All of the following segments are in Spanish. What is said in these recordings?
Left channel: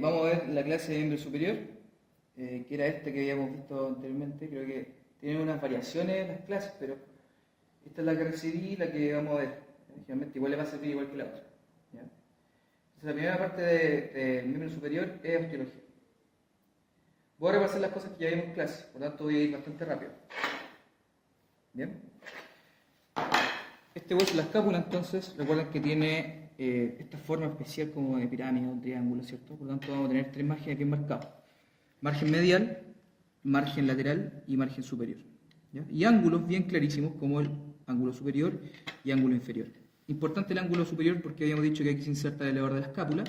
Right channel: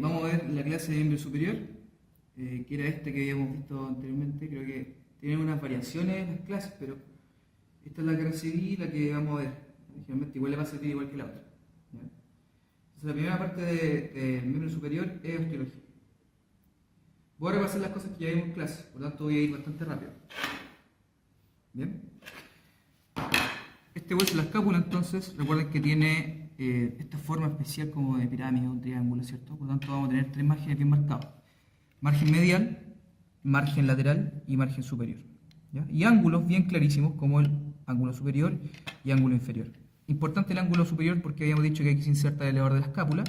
Vamos a ver la clase de miembro superior, que era esta que habíamos visto anteriormente. Creo que tienen unas variaciones las clases, pero esta es la que recibí y la que vamos a ver. Generalmente igual le va a servir igual que la otra. ¿Ya? Entonces, la primera parte del miembro superior es osteología. Voy a repasar las cosas que ya vimos en clase, por lo tanto voy a ir bastante rápido. Bien. Este hueso de la escápula, entonces, recuerden que tiene esta forma especial como de pirámide o un triángulo, ¿cierto? Por lo tanto, vamos a tener tres márgenes bien marcados: margen medial, margen lateral y margen superior. ¿Ya? Y ángulos bien clarísimos como el ángulo superior y ángulo inferior. Importante el ángulo superior porque habíamos dicho que aquí se inserta el elevador de la escápula.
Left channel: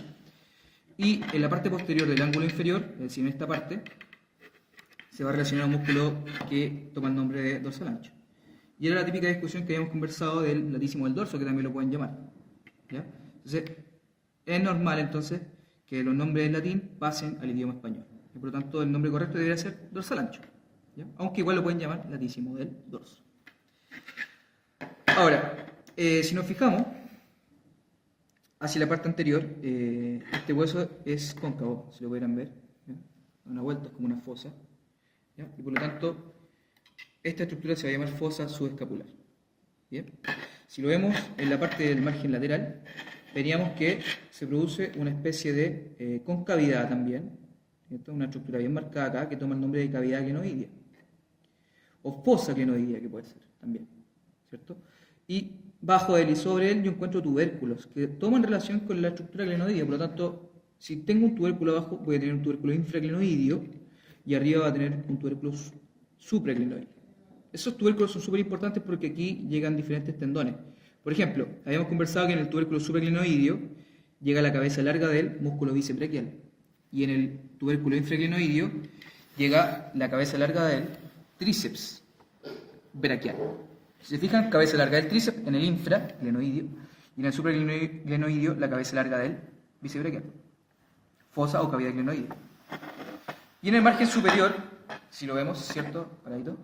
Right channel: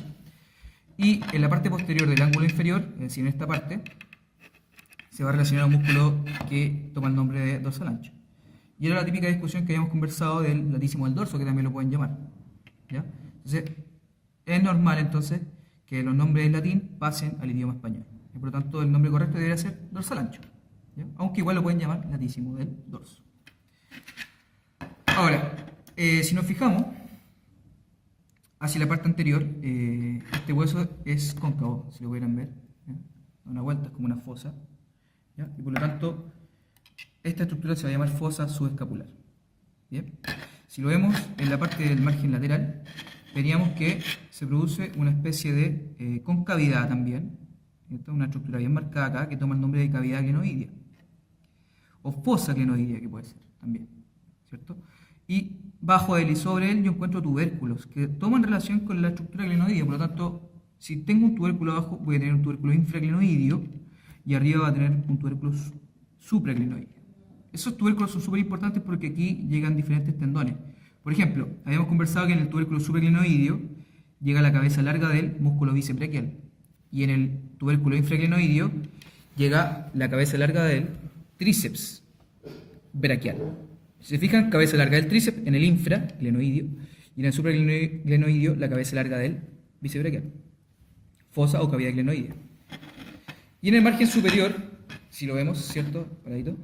Y en la parte posterior del ángulo inferior, es decir, en esta parte, se va a relacionar a un músculo que toma el nombre de dorsal ancho. Y era la típica discusión que habíamos conversado del latísimo del dorso, que también lo pueden llamar. ¿Ya? Entonces, es normal entonces que los nombres en latín pasen al idioma español. Y por lo tanto, el nombre correcto debería ser dorsal ancho. ¿Ya? Aunque igual lo pueden llamar latísimo del dorso. Ahora, si nos fijamos hacia la parte anterior, este hueso es cóncavo, si lo pudieran ver. ¿Ya? Una vuelta es como una fosa. ¿Ya? Y por lo tanto, esta estructura se va a llamar fosa subescapular. Bien. Si lo vemos en la parte del margen lateral, veríamos que se produce una especie de concavidad también, ¿cierto? Una estructura bien marcada acá que toma el nombre de cavidad glenoidea, o fosa glenoidea, que puede ser también, ¿cierto? Y bajo él y sobre él yo encuentro tubérculos que toman relación con la estructura glenoidea. Por lo tanto, si tengo un tubérculo abajo, voy a tener un tubérculo infraglenoideo y arriba va a tener un tubérculo supraglenoideo. Esos tubérculos son súper importantes porque aquí llegan diferentes tendones. Por ejemplo, habíamos conversado que en el tubérculo supraglenoideo llega la cabeza larga del músculo bíceps braquial. Y en el tubérculo infraglenoideo llega la cabeza larga del tríceps braquial. Si se fijan, cabeza larga del tríceps en el infraglenoideo y en el supraglenoideo la cabeza larga del bíceps braquial. Fosa o cavidad glenoidea. Y en el margen superior, si lo vemos, ¿cierto? Paradito.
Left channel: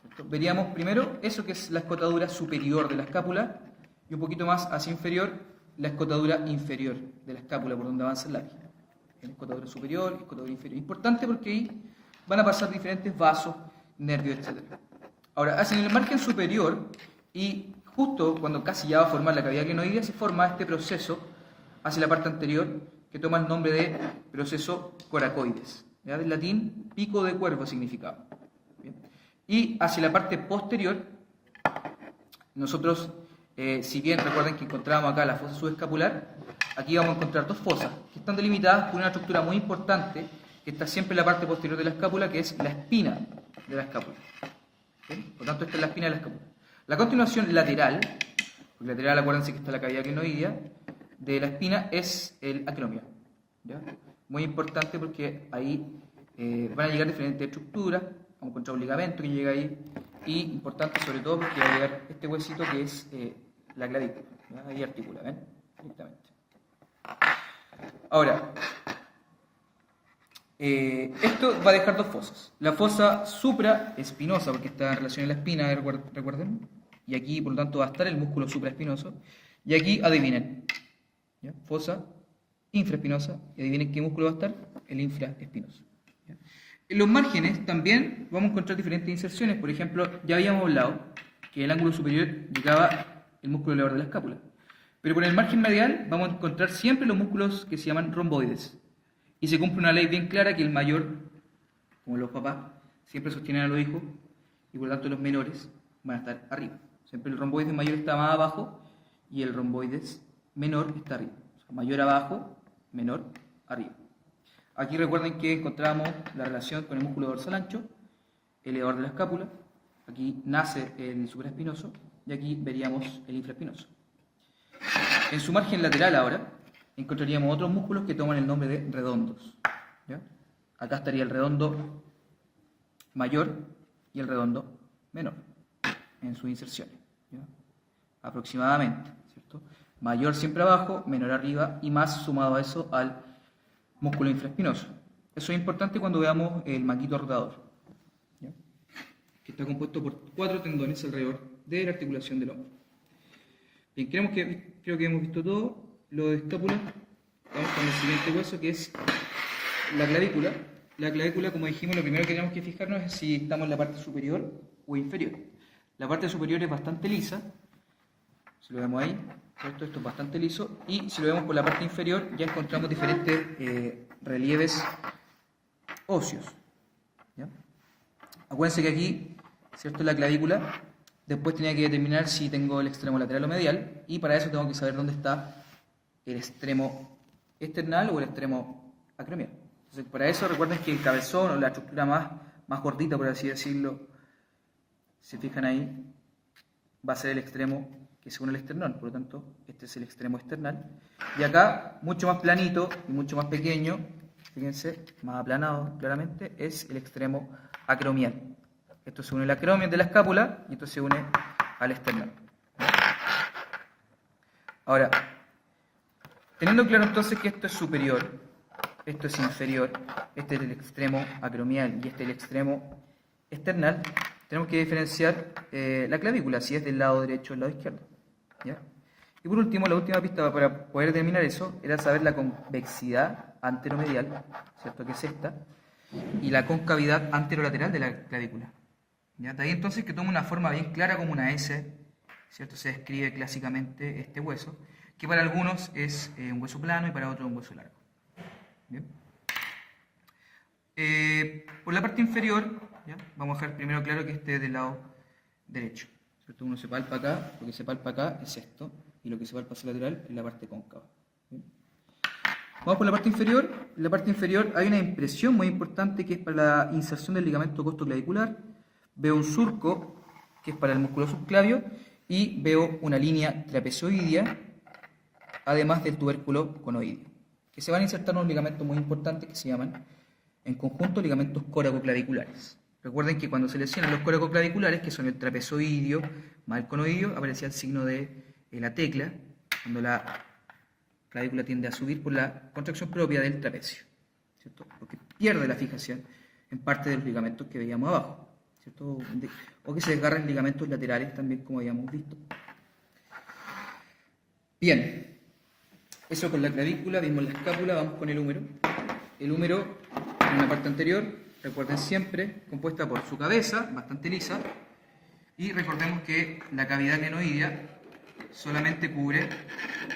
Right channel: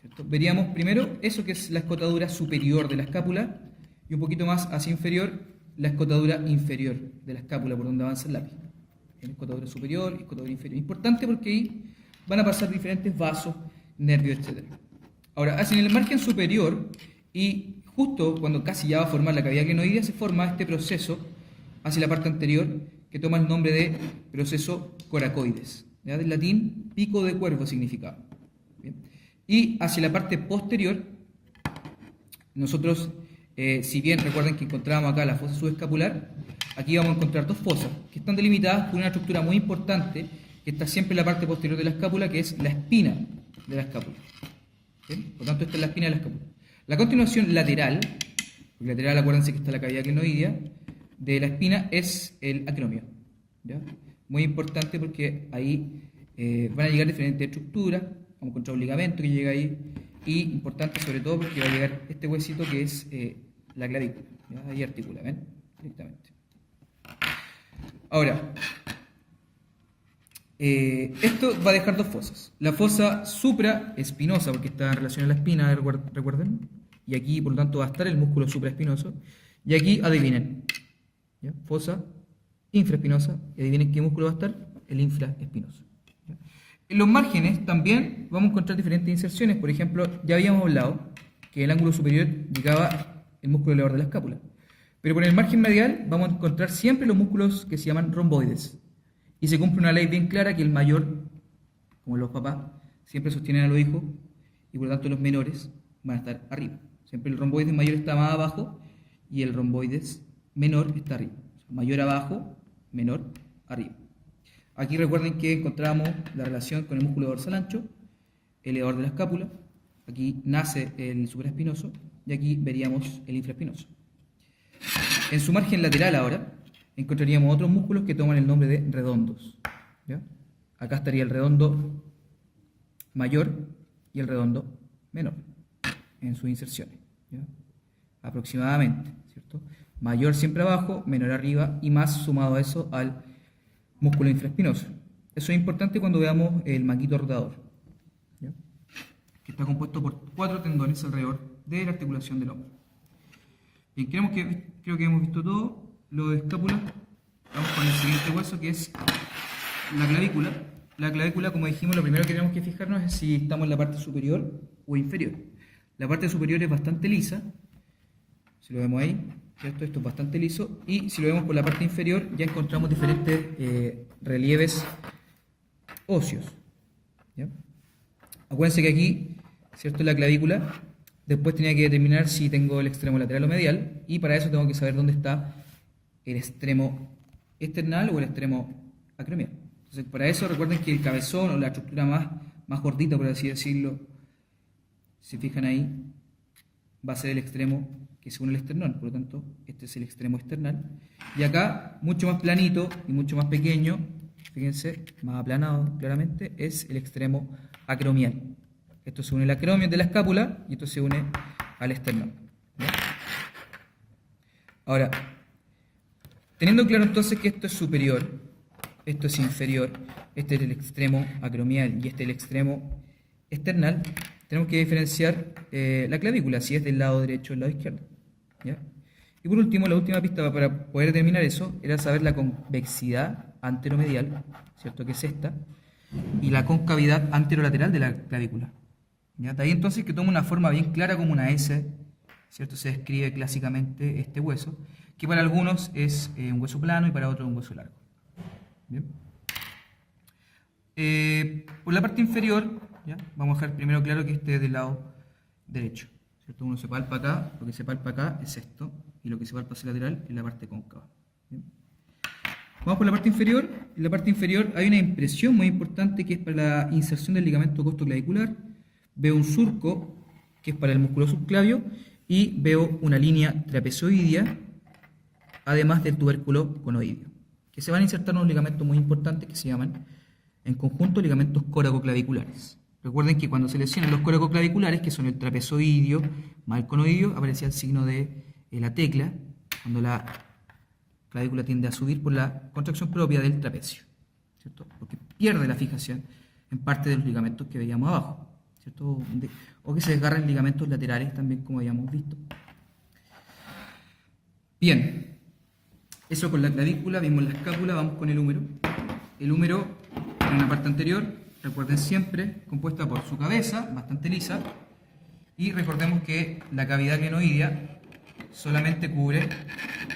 ¿Cierto? Veríamos primero eso que es la escotadura superior de la escápula y un poquito más hacia inferior la escotadura inferior de la escápula por donde avanza el lápiz. Escotadura superior y escotadura inferior. Importante porque ahí van a pasar diferentes vasos, nervios, etc. Ahora, hacia el margen superior y justo cuando casi ya va a formar la cavidad glenoidea se forma este proceso hacia la parte anterior que toma el nombre de proceso coracoides. ¿Ya? Del latín pico de cuervo significaba. ¿Bien? Y hacia la parte posterior, nosotros, si bien recuerden que encontrábamos acá la fosa subescapular, aquí vamos a encontrar dos fosas que están delimitadas por una estructura muy importante que está siempre en la parte posterior de la escápula, que es la espina de la escápula. ¿Bien? Por lo tanto, esta es la espina de la escápula. La continuación lateral, porque lateral acuérdense que está la cavidad glenoidea, de la espina es el acromio. ¿Ya? Muy importante porque ahí van a llegar diferentes estructuras. Vamos a encontrar un ligamento que llega ahí. Y importante sobre todo porque va a llegar este huesito que es la clavícula. ¿Ya? Ahí articula, ¿ven? Directamente. Ahora, esto va a dejar dos fosas. La fosa supraespinosa, porque está en relación a la espina, recuerden. Y aquí, por lo tanto, va a estar el músculo supraespinoso. Y aquí, adivinen. ¿Ya? Fosa infraespinosa. Y adivinen qué músculo va a estar. El infraespinoso. ¿Ya? En los márgenes también vamos a encontrar diferentes inserciones. Por ejemplo, ya habíamos hablado que en el ángulo superior llegaba el músculo elevador de la escápula. Pero con el margen medial vamos a encontrar siempre los músculos que se llaman romboides. Y se cumple una ley bien clara que el mayor, como los papás, siempre sostienen a los hijos y por lo tanto los menores van a estar arriba. Siempre el romboides mayor está más abajo y el romboides menor está arriba. O sea, mayor abajo, menor arriba. Aquí recuerden que encontramos la relación con el músculo dorsal ancho, el elevador de la escápula. Aquí nace el supraespinoso y aquí veríamos el infraespinoso. En su margen lateral ahora encontraríamos otros músculos que toman el nombre de redondos. ¿Ya? Acá estaría el redondo mayor y el redondo menor en sus inserciones. ¿Ya? Aproximadamente, ¿cierto? Mayor siempre abajo, menor arriba y más sumado a eso al músculo infraespinoso. Eso es importante cuando veamos el manguito rotador, ¿ya? Que está compuesto por 4 tendones alrededor de la articulación del hombro. Bien, creo que hemos visto todo. Lo de escápula vamos con el siguiente hueso, que es la clavícula. La clavícula, como dijimos, lo primero que tenemos que fijarnos es si estamos en la parte superior o inferior. La parte superior es bastante lisa, si lo vemos ahí, ¿cierto? Esto es bastante liso, y si lo vemos por la parte inferior ya encontramos diferentes relieves óseos, ¿ya? Acuérdense que aquí, ¿cierto? La clavícula, después tenía que determinar si tengo el extremo lateral o medial, y para eso tengo que saber dónde está el extremo esternal o el extremo acromial. Entonces, para eso recuerden que el cabezón o la estructura más gordita, por así decirlo, si fijan ahí, va a ser el extremo que se une al esternón. Por lo tanto, este es el extremo esternal. Y acá, mucho más planito y mucho más pequeño, fíjense, más aplanado claramente, es el extremo acromial. Esto se une al acromial de la escápula y esto se une al esternón. Ahora, teniendo claro entonces que esto es superior, esto es inferior, este es el extremo acromial y este es el extremo esternal, tenemos que diferenciar la clavícula, si es del lado derecho o del lado izquierdo, ¿ya? Y por último, la última pista para poder determinar eso era saber la convexidad anteromedial, ¿cierto? Que es esta, y la concavidad anterolateral de la clavícula, ¿ya? De ahí entonces que toma una forma bien clara como una S, ¿cierto? Se describe clásicamente este hueso, que para algunos es un hueso plano y para otros un hueso largo. Bien. Por la parte inferior, ¿ya? Vamos a dejar primero claro que este es del lado derecho, ¿cierto? Uno se palpa acá, lo que se palpa acá es esto, y lo que se palpa hacia el lateral es la parte cóncava. Bien. Vamos por la parte inferior. En la parte inferior hay una impresión muy importante que es para la inserción del ligamento costoclavicular. Veo un surco que es para el músculo subclavio y veo una línea trapezoidea, además del tubérculo conoideo, que se van a insertar unos ligamentos muy importantes que se llaman en conjunto ligamentos coracoclaviculares. Recuerden que cuando se lesionan los coracoclaviculares, que son el trapezoideo más el conoideo, aparecía el signo de la tecla, cuando la clavícula tiende a subir por la contracción propia del trapecio, ¿cierto? Porque pierde la fijación en parte de los ligamentos que veíamos abajo, ¿cierto? O que se desgarran ligamentos laterales también, como habíamos visto. Bien. Eso con la clavícula, vimos la escápula, vamos con el húmero. El húmero, en la parte anterior, recuerden siempre, compuesta por su cabeza, bastante lisa, y recordemos que la cavidad glenoidea solamente cubre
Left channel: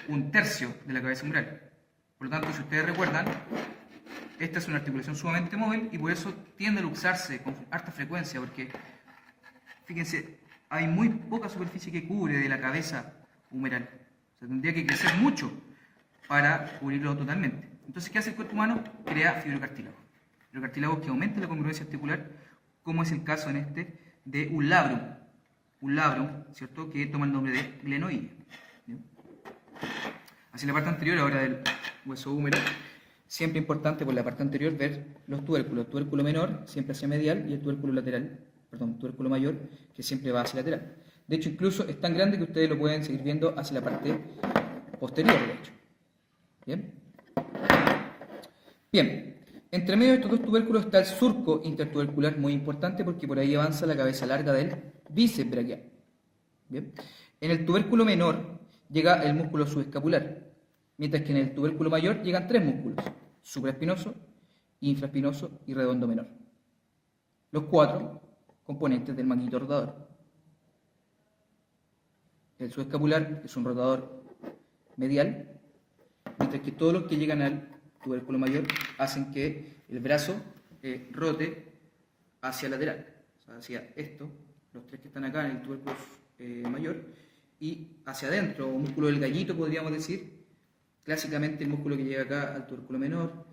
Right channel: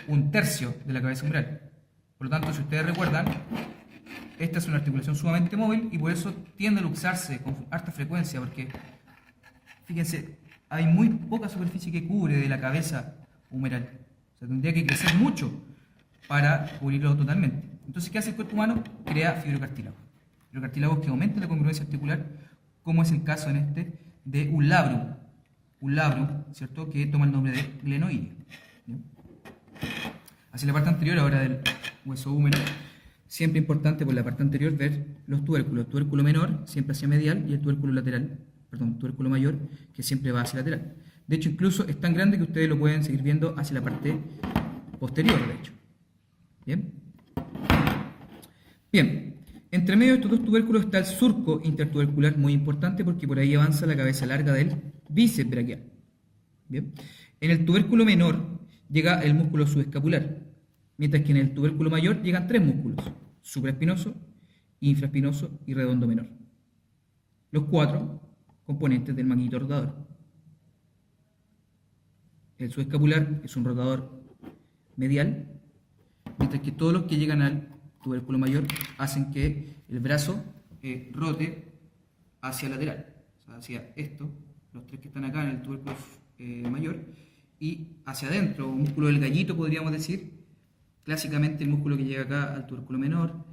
un tercio de la cabeza umbral. Por lo tanto, si ustedes recuerdan, esta es una articulación sumamente móvil y por eso tiende a luxarse con harta frecuencia, porque, fíjense, hay muy poca superficie que cubre de la cabeza humeral. O sea, tendría que crecer mucho para cubrirlo totalmente. Entonces, ¿qué hace el cuerpo humano? Crea fibrocartílago. Fibrocartílagos que aumentan la congruencia articular, como es el caso en este de un labrum. Un labrum, ¿cierto? Que toma el nombre de glenoideo. Hacia la parte anterior, ahora del hueso húmero, siempre importante por la parte anterior ver los tubérculos. El tubérculo menor siempre hacia medial y el tubérculo lateral, perdón, tubérculo mayor que siempre va hacia lateral. De hecho, incluso es tan grande que ustedes lo pueden seguir viendo hacia la parte posterior, de hecho. Bien. Bien. Entre medio de estos dos tubérculos está el surco intertubercular, muy importante porque por ahí avanza la cabeza larga del bíceps braquial. Bien. En el tubérculo menor llega el músculo subescapular, mientras que en el tubérculo mayor llegan tres músculos: supraespinoso, infraespinoso y redondo menor. Los cuatro componentes del manguito rotador. El subescapular es un rotador medial, mientras que todos los que llegan al tubérculo mayor hacen que el brazo rote hacia lateral, o sea, hacia esto, los tres que están acá en el tubérculo mayor, y hacia adentro, un músculo del gallito podríamos decir, clásicamente el músculo que llega acá al tubérculo menor,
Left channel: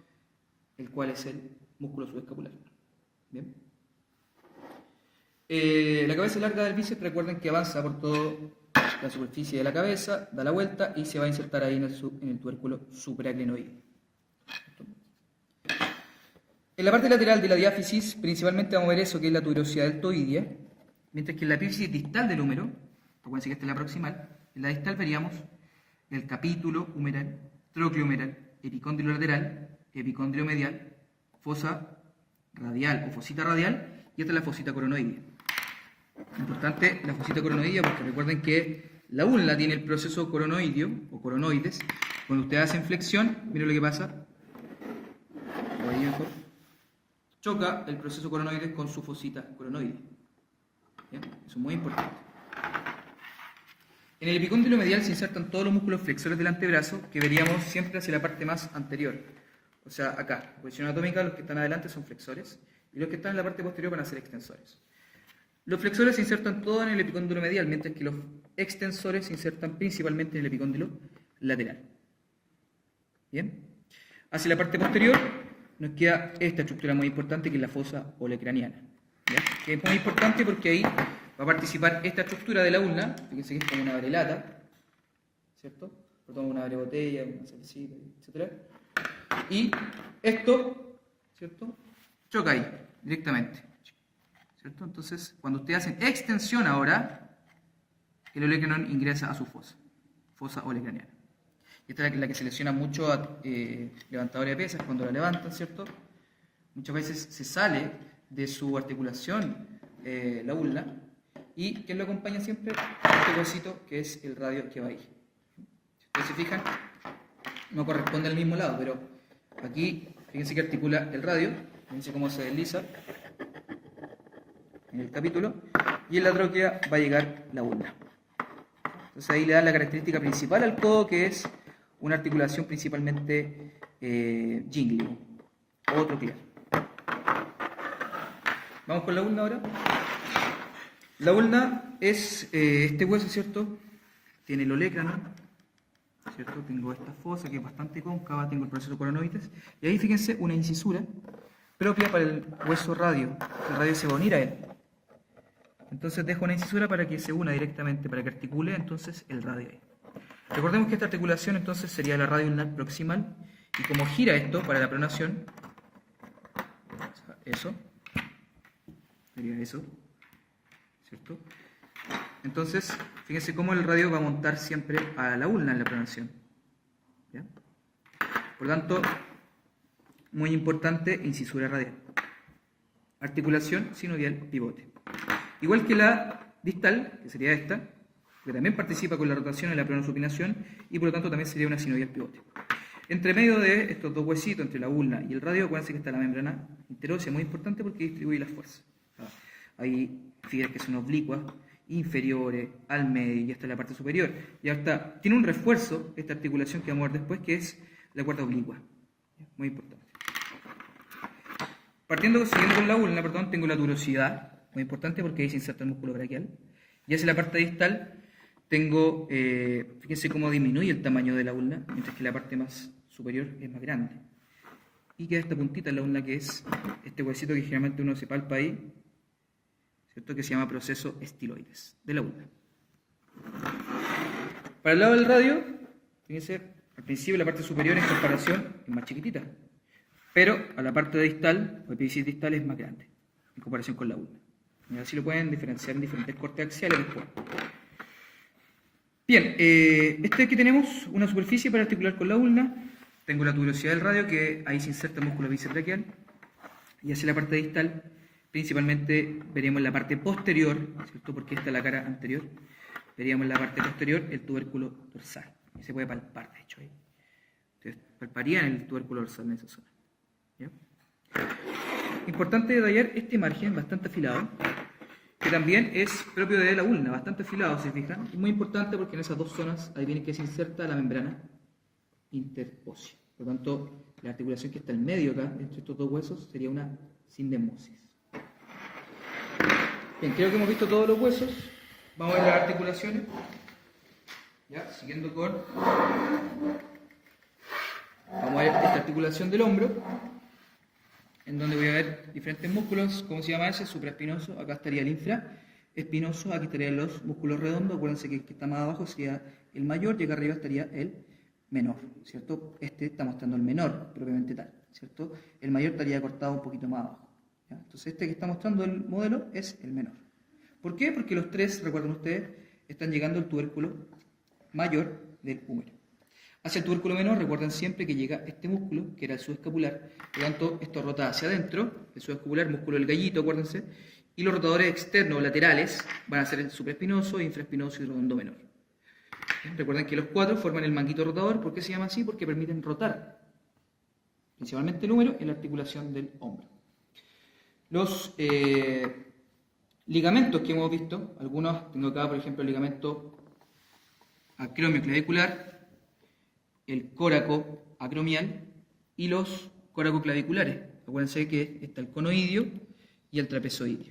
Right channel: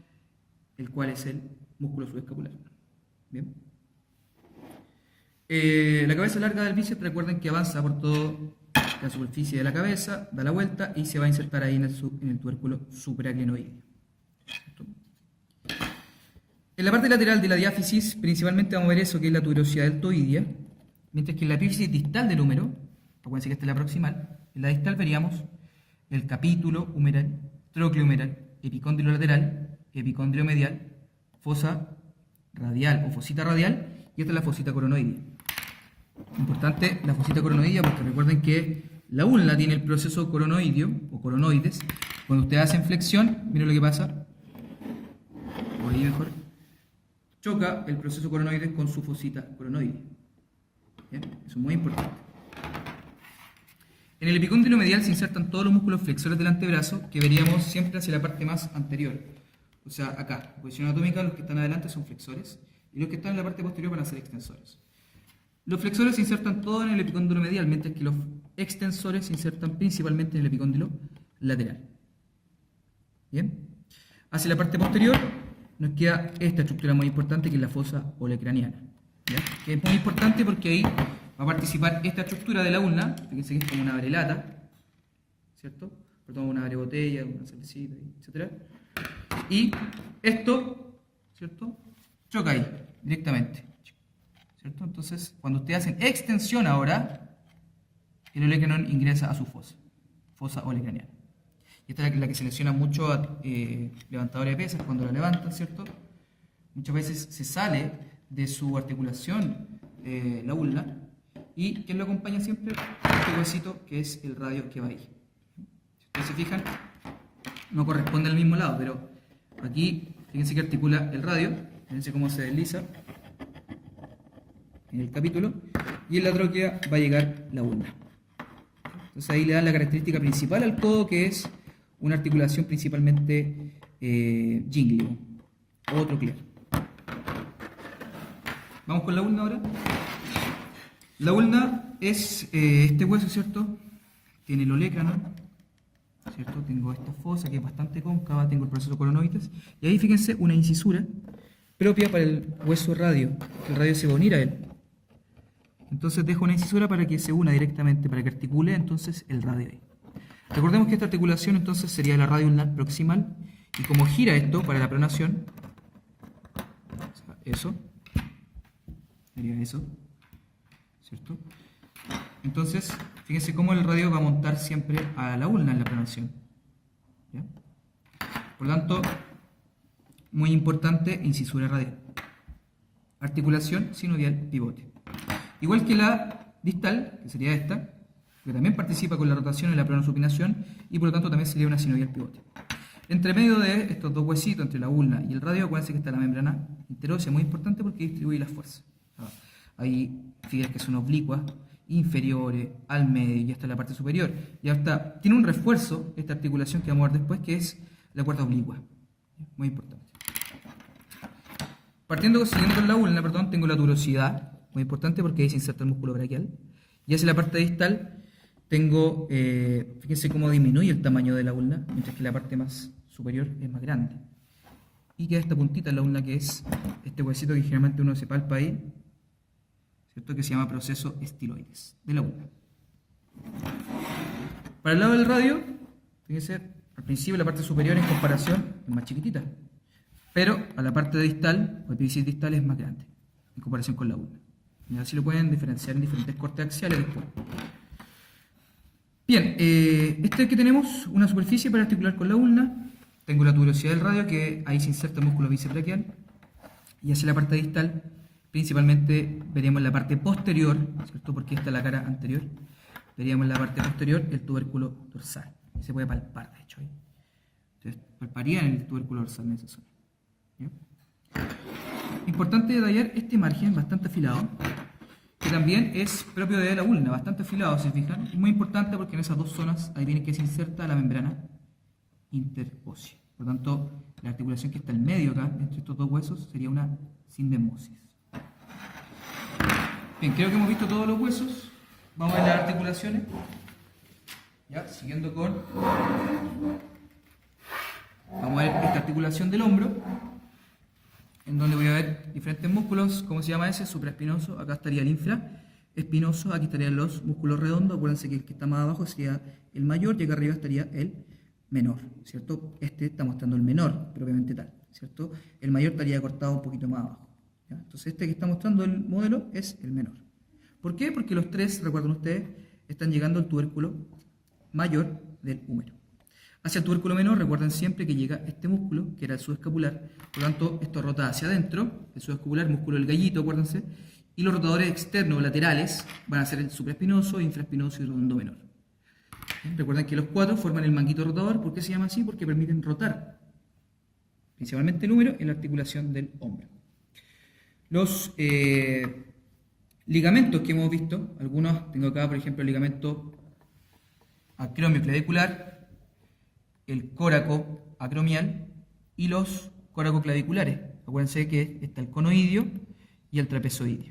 el cual es el músculo subescapular. Bien. La cabeza larga del bíceps, recuerden que avanza por toda la superficie de la cabeza, da la vuelta y se va a insertar ahí en el tubérculo supraglenoideo. En la parte lateral de la diáfisis, principalmente vamos a ver eso que es la tuberosidad deltoidea, mientras que en la epífisis distal del húmero, acuérdense que esta es la proximal, en la distal veríamos el capítulo humeral, trócleo humeral, epicóndilo lateral, epicóndilo medial, fosa radial o fosita radial, y esta es la fosita coronoidea. Importante la fosita coronoidea porque recuerden que la ulna tiene el proceso coronoideo o coronoides Cuando ustedes hacen flexión, miren lo que pasa. O ahí mejor. Choca el proceso coronoide con su fosita coronoide. ¿Bien? Eso es muy importante. En el epicóndilo medial se insertan todos los músculos flexores del antebrazo que veríamos siempre hacia la parte más anterior. O sea, acá, en posición anatómica, los que están adelante son flexores y los que están en la parte posterior van a ser extensores. Los flexores se insertan todos en el epicóndilo medial, mientras que los extensores se insertan principalmente en el epicóndilo lateral. ¿Bien? Hacia la parte posterior nos queda esta estructura muy importante que es la fosa olecraniana. ¿Ya? Que es muy importante porque ahí va a participar esta estructura de la ulna, fíjense que es como una abrelata, ¿cierto? Perdón, una abrebotella, una cervecita, etc. Y esto, ¿cierto? Choca ahí, directamente, ¿cierto? Entonces, cuando ustedes hacen extensión ahora, el olecranon ingresa a su fosa olecraniana. Y esta es la que se lesiona mucho a levantadores de pesas cuando la levantan, ¿cierto? Muchas veces se sale de su articulación la ulna. ¿Y quién lo acompaña siempre? Este huesito que es el radio que va ahí. Si ustedes se fijan, no corresponde al mismo lado, pero aquí fíjense que articula el radio, fíjense cómo se desliza en el capítulo, y en la tróquea va a llegar la ulna. Entonces ahí le dan la característica principal al codo, que es una articulación principalmente ginglio o troclear. Vamos con la ulna ahora. La ulna es este hueso, ¿cierto? Tiene el olecranon, ¿cierto? Tengo esta fosa que es bastante cóncava, tengo el proceso coronoides, y ahí fíjense una incisura propia para el hueso radio, que el radio se va a unir a él. Entonces dejo una incisura para que se una directamente, para que articule entonces el radio ahí. Recordemos que esta articulación entonces sería la radio ulnar proximal, y como gira esto para la pronación, eso, sería eso, ¿cierto? Entonces, fíjense cómo el radio va a montar siempre a la ulna en la pronación. ¿Ya? Por lo tanto, muy importante, incisura radial. Articulación sinovial pivote. Igual que la distal, que sería esta, que también participa con la rotación y la pronosupinación, y por lo tanto también sería una sinovial pivote. Entre medio de estos dos huesitos, entre la ulna y el radio, acuérdense que está la membrana interósea, muy importante porque distribuye las fuerzas. Hay fibras que son oblicuas, inferiores, al medio y hasta la parte superior. Y hasta tiene un refuerzo esta articulación que vamos a ver después, que es la cuerda oblicua. Muy importante. Siguiendo con la ulna, perdón, tengo la turosidad, muy importante porque ahí se inserta el músculo braquial. Y hacia la parte distal tengo, fíjense cómo disminuye el tamaño de la ulna, mientras que la parte más superior es más grande. Y queda esta puntita en la ulna que es este huesito que generalmente uno se palpa ahí, ¿cierto? Que se llama proceso estiloides de la ulna. Para el lado del radio, fíjense, al principio la parte superior en comparación es más chiquitita, pero a la parte distal, o epífisis distal, es más grande en comparación con la ulna. Y así lo pueden diferenciar en diferentes cortes axiales después. Bien, este que tenemos una superficie para articular con la ulna. Tengo la tuberosidad del radio, que ahí se inserta el músculo bíceps braquial, y hacia la parte distal principalmente veríamos la parte posterior, ¿cierto? Porque esta es la cara anterior. Veríamos en la parte posterior el tubérculo dorsal. Y se puede palpar, de hecho. Entonces, palparían el tubérculo dorsal en esa zona. ¿Ya? Importante detallar este margen bastante afilado, que también es propio de la ulna, bastante afilado, si se fijan. Es muy importante porque en esas dos zonas ahí viene que se inserta la membrana interósea. Por lo tanto, la articulación que está en medio acá, entre estos dos huesos, sería una sindesmosis. Bien, creo que hemos visto todos los huesos. Vamos a ver las articulaciones. Ya, siguiendo con... Vamos a ver esta articulación del hombro, en donde voy a ver diferentes músculos. ¿Cómo se llama ese? Supraespinoso. Acá estaría el infraespinoso. Aquí estarían los músculos redondos. Acuérdense que el que está más abajo sería el mayor y acá arriba estaría el menor, ¿cierto? Este está mostrando el menor, propiamente tal, ¿cierto? El mayor estaría cortado un poquito más abajo. ¿Ya? Entonces este que está mostrando el modelo es el menor. ¿Por qué? Porque los tres, recuerden ustedes, están llegando al tubérculo mayor del húmero. Hacia el tubérculo menor, recuerden siempre que llega este músculo, que era el subescapular, por lo tanto esto rota hacia adentro, el subescapular, músculo del gallito, acuérdense, y los rotadores externos o laterales van a ser el supraespinoso, infraespinoso y redondo menor. Bien, recuerden que los cuatro forman el manguito rotador. ¿Por qué se llama así? Porque permiten rotar, principalmente el húmero, en la articulación del hombro. Los ligamentos que hemos visto, algunos, tengo acá por ejemplo el ligamento acromio clavicular, el córaco acromial y los córacoclaviculares. Acuérdense que está el conoidio y el trapezoideo.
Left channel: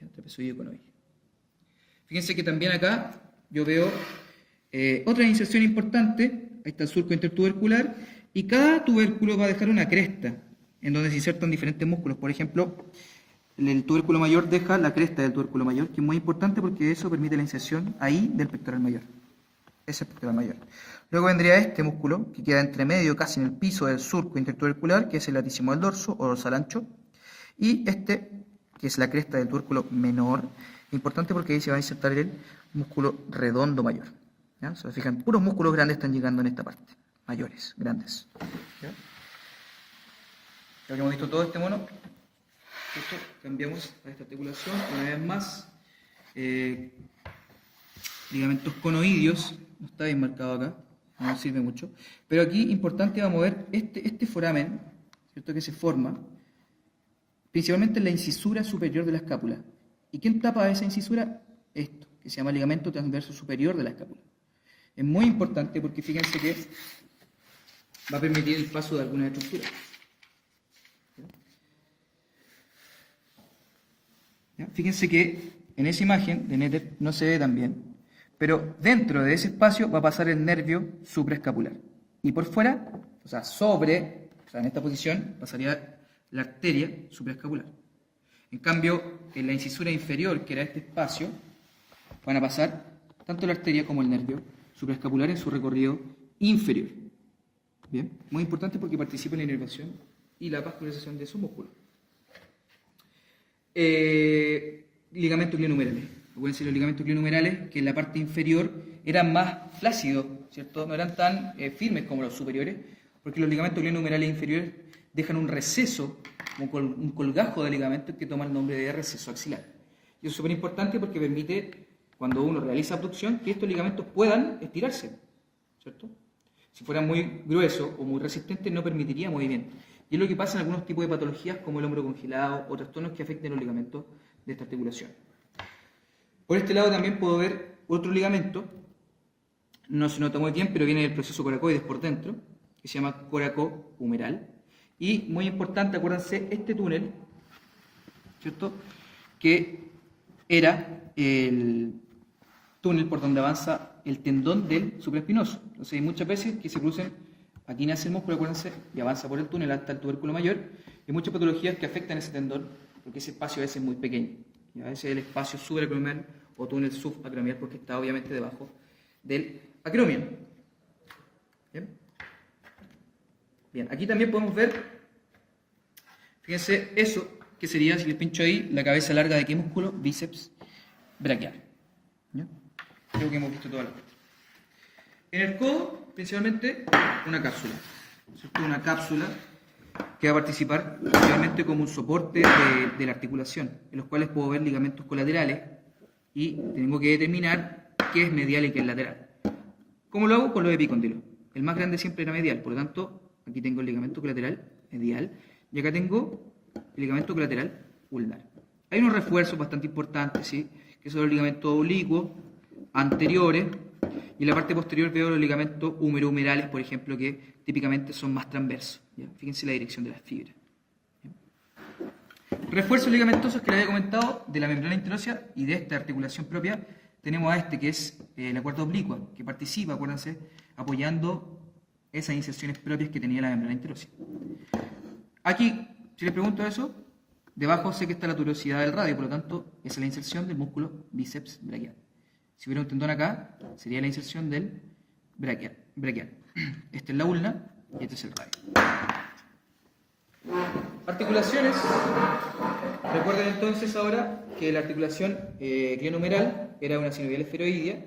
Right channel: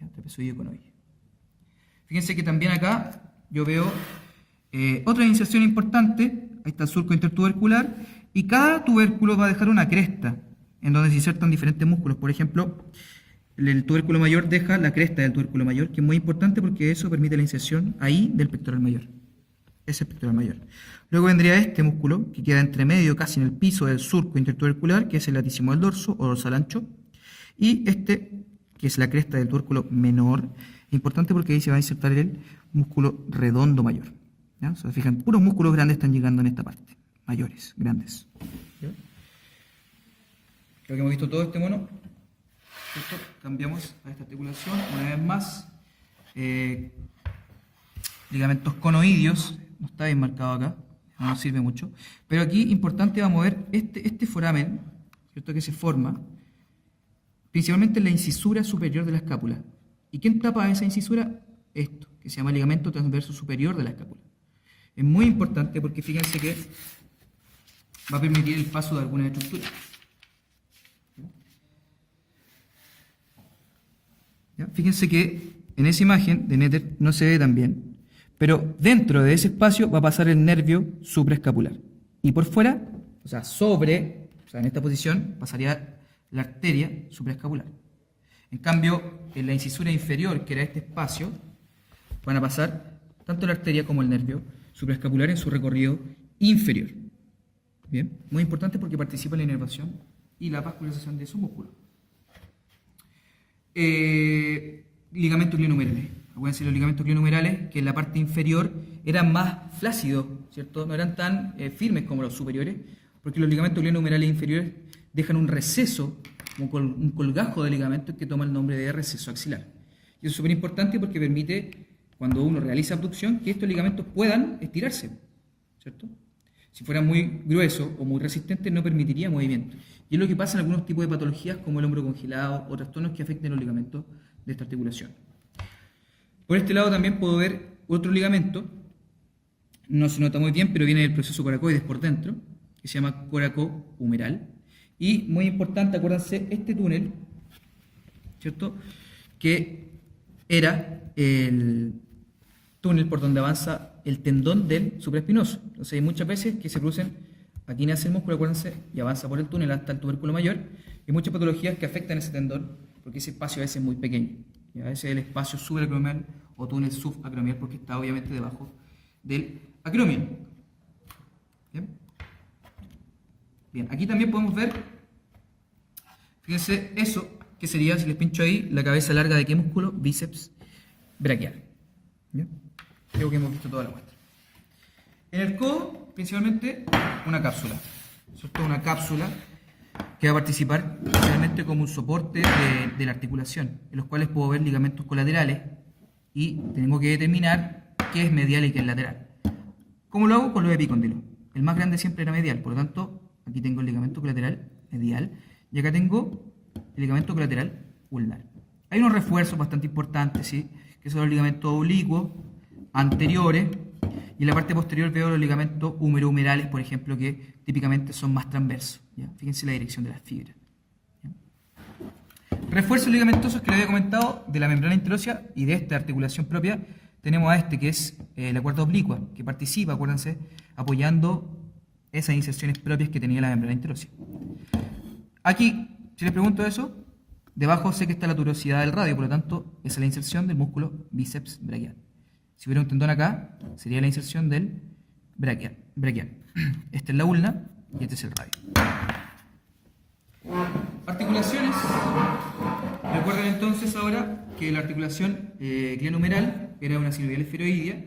El trapezoideo conoideo. Fíjense que también acá yo veo otra inserción importante. Ahí está el surco intertubercular y cada tubérculo va a dejar una cresta en donde se insertan diferentes músculos. Por ejemplo, el tubérculo mayor deja la cresta del tubérculo mayor, que es muy importante porque eso permite la inserción ahí del pectoral mayor. Ese es el pectoral mayor. Luego vendría este músculo, que queda entre medio, casi en el piso del surco intertubercular, que es el latísimo del dorso o dorsal ancho. Y este, que es la cresta del tubérculo menor, importante porque ahí se va a insertar el músculo redondo mayor. ¿Ya? Se fijan, puros músculos grandes están llegando en esta parte. Mayores, grandes. ¿Ya? Creo que hemos visto todo este mono. ¿Cierto? Cambiamos a esta articulación una vez más. Ligamentos conoideos, no está bien marcado acá, no nos sirve mucho. Pero aquí importante vamos a ver este foramen, ¿cierto? Que se forma principalmente en la incisura superior de la escápula. ¿Y quién tapa esa incisura? Esto, que se llama ligamento transverso superior de la escápula. Es muy importante porque fíjense que va a permitir el paso de algunas estructuras. ¿Ya? Fíjense que en esa imagen de Netter no se ve tan bien, pero dentro de ese espacio va a pasar el nervio supraescapular. Y por fuera, o sea, en esta posición, pasaría la arteria supraescapular. En cambio, en la incisura inferior, que era este espacio, van a pasar tanto la arteria como el nervio supraescapular en su recorrido inferior. Bien, muy importante porque participa en la inervación y la vascularización de esos músculos. Ligamentos glenohumerales. Acuérdense, los ligamentos glenohumerales, que en la parte inferior eran más flácidos, ¿cierto? No eran tan firmes como los superiores, porque los ligamentos glenohumerales inferiores dejan un receso, como un colgajo de ligamentos que toma el nombre de receso axilar. Y eso es súper importante porque permite, cuando uno realiza abducción, que estos ligamentos puedan estirarse, ¿cierto? Si fueran muy gruesos o muy resistentes, no permitiría movimiento. Y es lo que pasa en algunos tipos de patologías como el hombro congelado o trastornos que afecten los ligamentos de esta articulación. Por este lado también puedo ver otro ligamento, no se nota muy bien, pero viene del proceso coracoides por dentro, que se llama coracohumeral. Y muy importante, acuérdense, este túnel, ¿cierto? Que era el túnel por donde avanza el tendón del supraespinoso. Entonces hay muchas veces que se producen, aquí nace el músculo, acuérdense, y avanza por el túnel hasta el tubérculo mayor, y muchas patologías que afectan ese tendón, porque ese espacio a veces es muy pequeño. ¿Ya? Ese es el espacio subacromial o túnel subacromial, porque está obviamente debajo del acromion. ¿Bien? Bien, aquí también podemos ver, fíjense, eso que sería, si les pincho ahí, la cabeza larga de qué músculo, bíceps braquial. ¿Ya? Creo que hemos visto toda la parte. En el codo, principalmente, una cápsula. ¿Cierto? Una cápsula que va a participar principalmente como un soporte de la articulación, en los cuales puedo ver ligamentos colaterales y tengo que determinar qué es medial y qué es lateral. ¿Cómo lo hago? Con los epicóndilos. El más grande siempre era medial, por lo tanto, aquí tengo el ligamento colateral medial y acá tengo el ligamento colateral ulnar. Hay unos refuerzos bastante importantes, ¿sí? Que son los ligamentos oblicuos anteriores, y en la parte posterior veo los ligamentos humerohumerales, por ejemplo, que típicamente son más transversos. ¿Ya? Fíjense la dirección de las fibras. ¿Ya? Refuerzos ligamentosos que les había comentado de la membrana interósea y de esta articulación propia, tenemos a este que es la cuerda oblicua, que participa, acuérdense, apoyando esas inserciones propias que tenía la membrana interósea. Aquí, si les pregunto eso, debajo sé que está la tuberosidad del radio, por lo tanto, esa es la inserción del músculo bíceps braquial. Si hubiera un tendón acá, sería la inserción del braquial. Esta es la ulna y este es el radio. Articulaciones. Recuerden entonces ahora que la articulación glenohumeral era una sinovial esferoidea.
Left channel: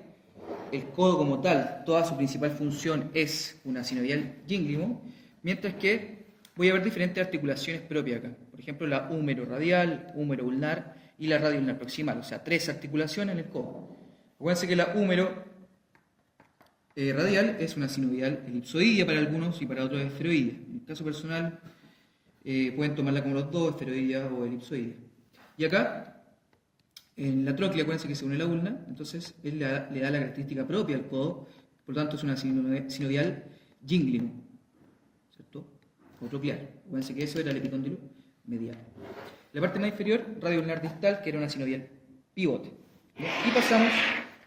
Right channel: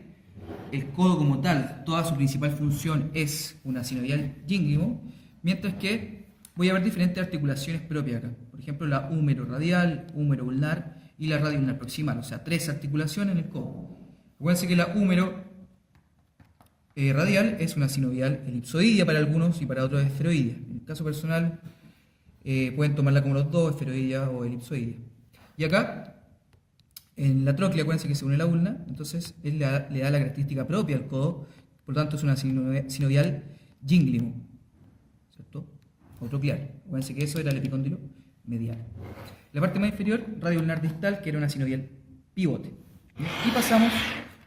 El codo como tal, toda su principal función es una sinovial gíngrimo, mientras que voy a ver diferentes articulaciones propias acá. Por ejemplo, la húmero radial, húmero ulnar y la radio ulnar proximal. O sea, 3 articulaciones en el codo. Acuérdense que la húmero radial es una sinovial elipsoidea para algunos y para otros esferoidea. En el caso personal, pueden tomarla como los dos, esferoidea o elipsoidea. Y acá, en la tróclea, acuérdense que se une la ulna, entonces él le da la característica propia al codo, por lo tanto es una sinovial gínglimo, ¿cierto? O tropial. Acuérdense que eso era el epicóndilo medial. La parte más inferior, radio ulnar distal, que era una sinovial pivote. ¿Ya? Y pasamos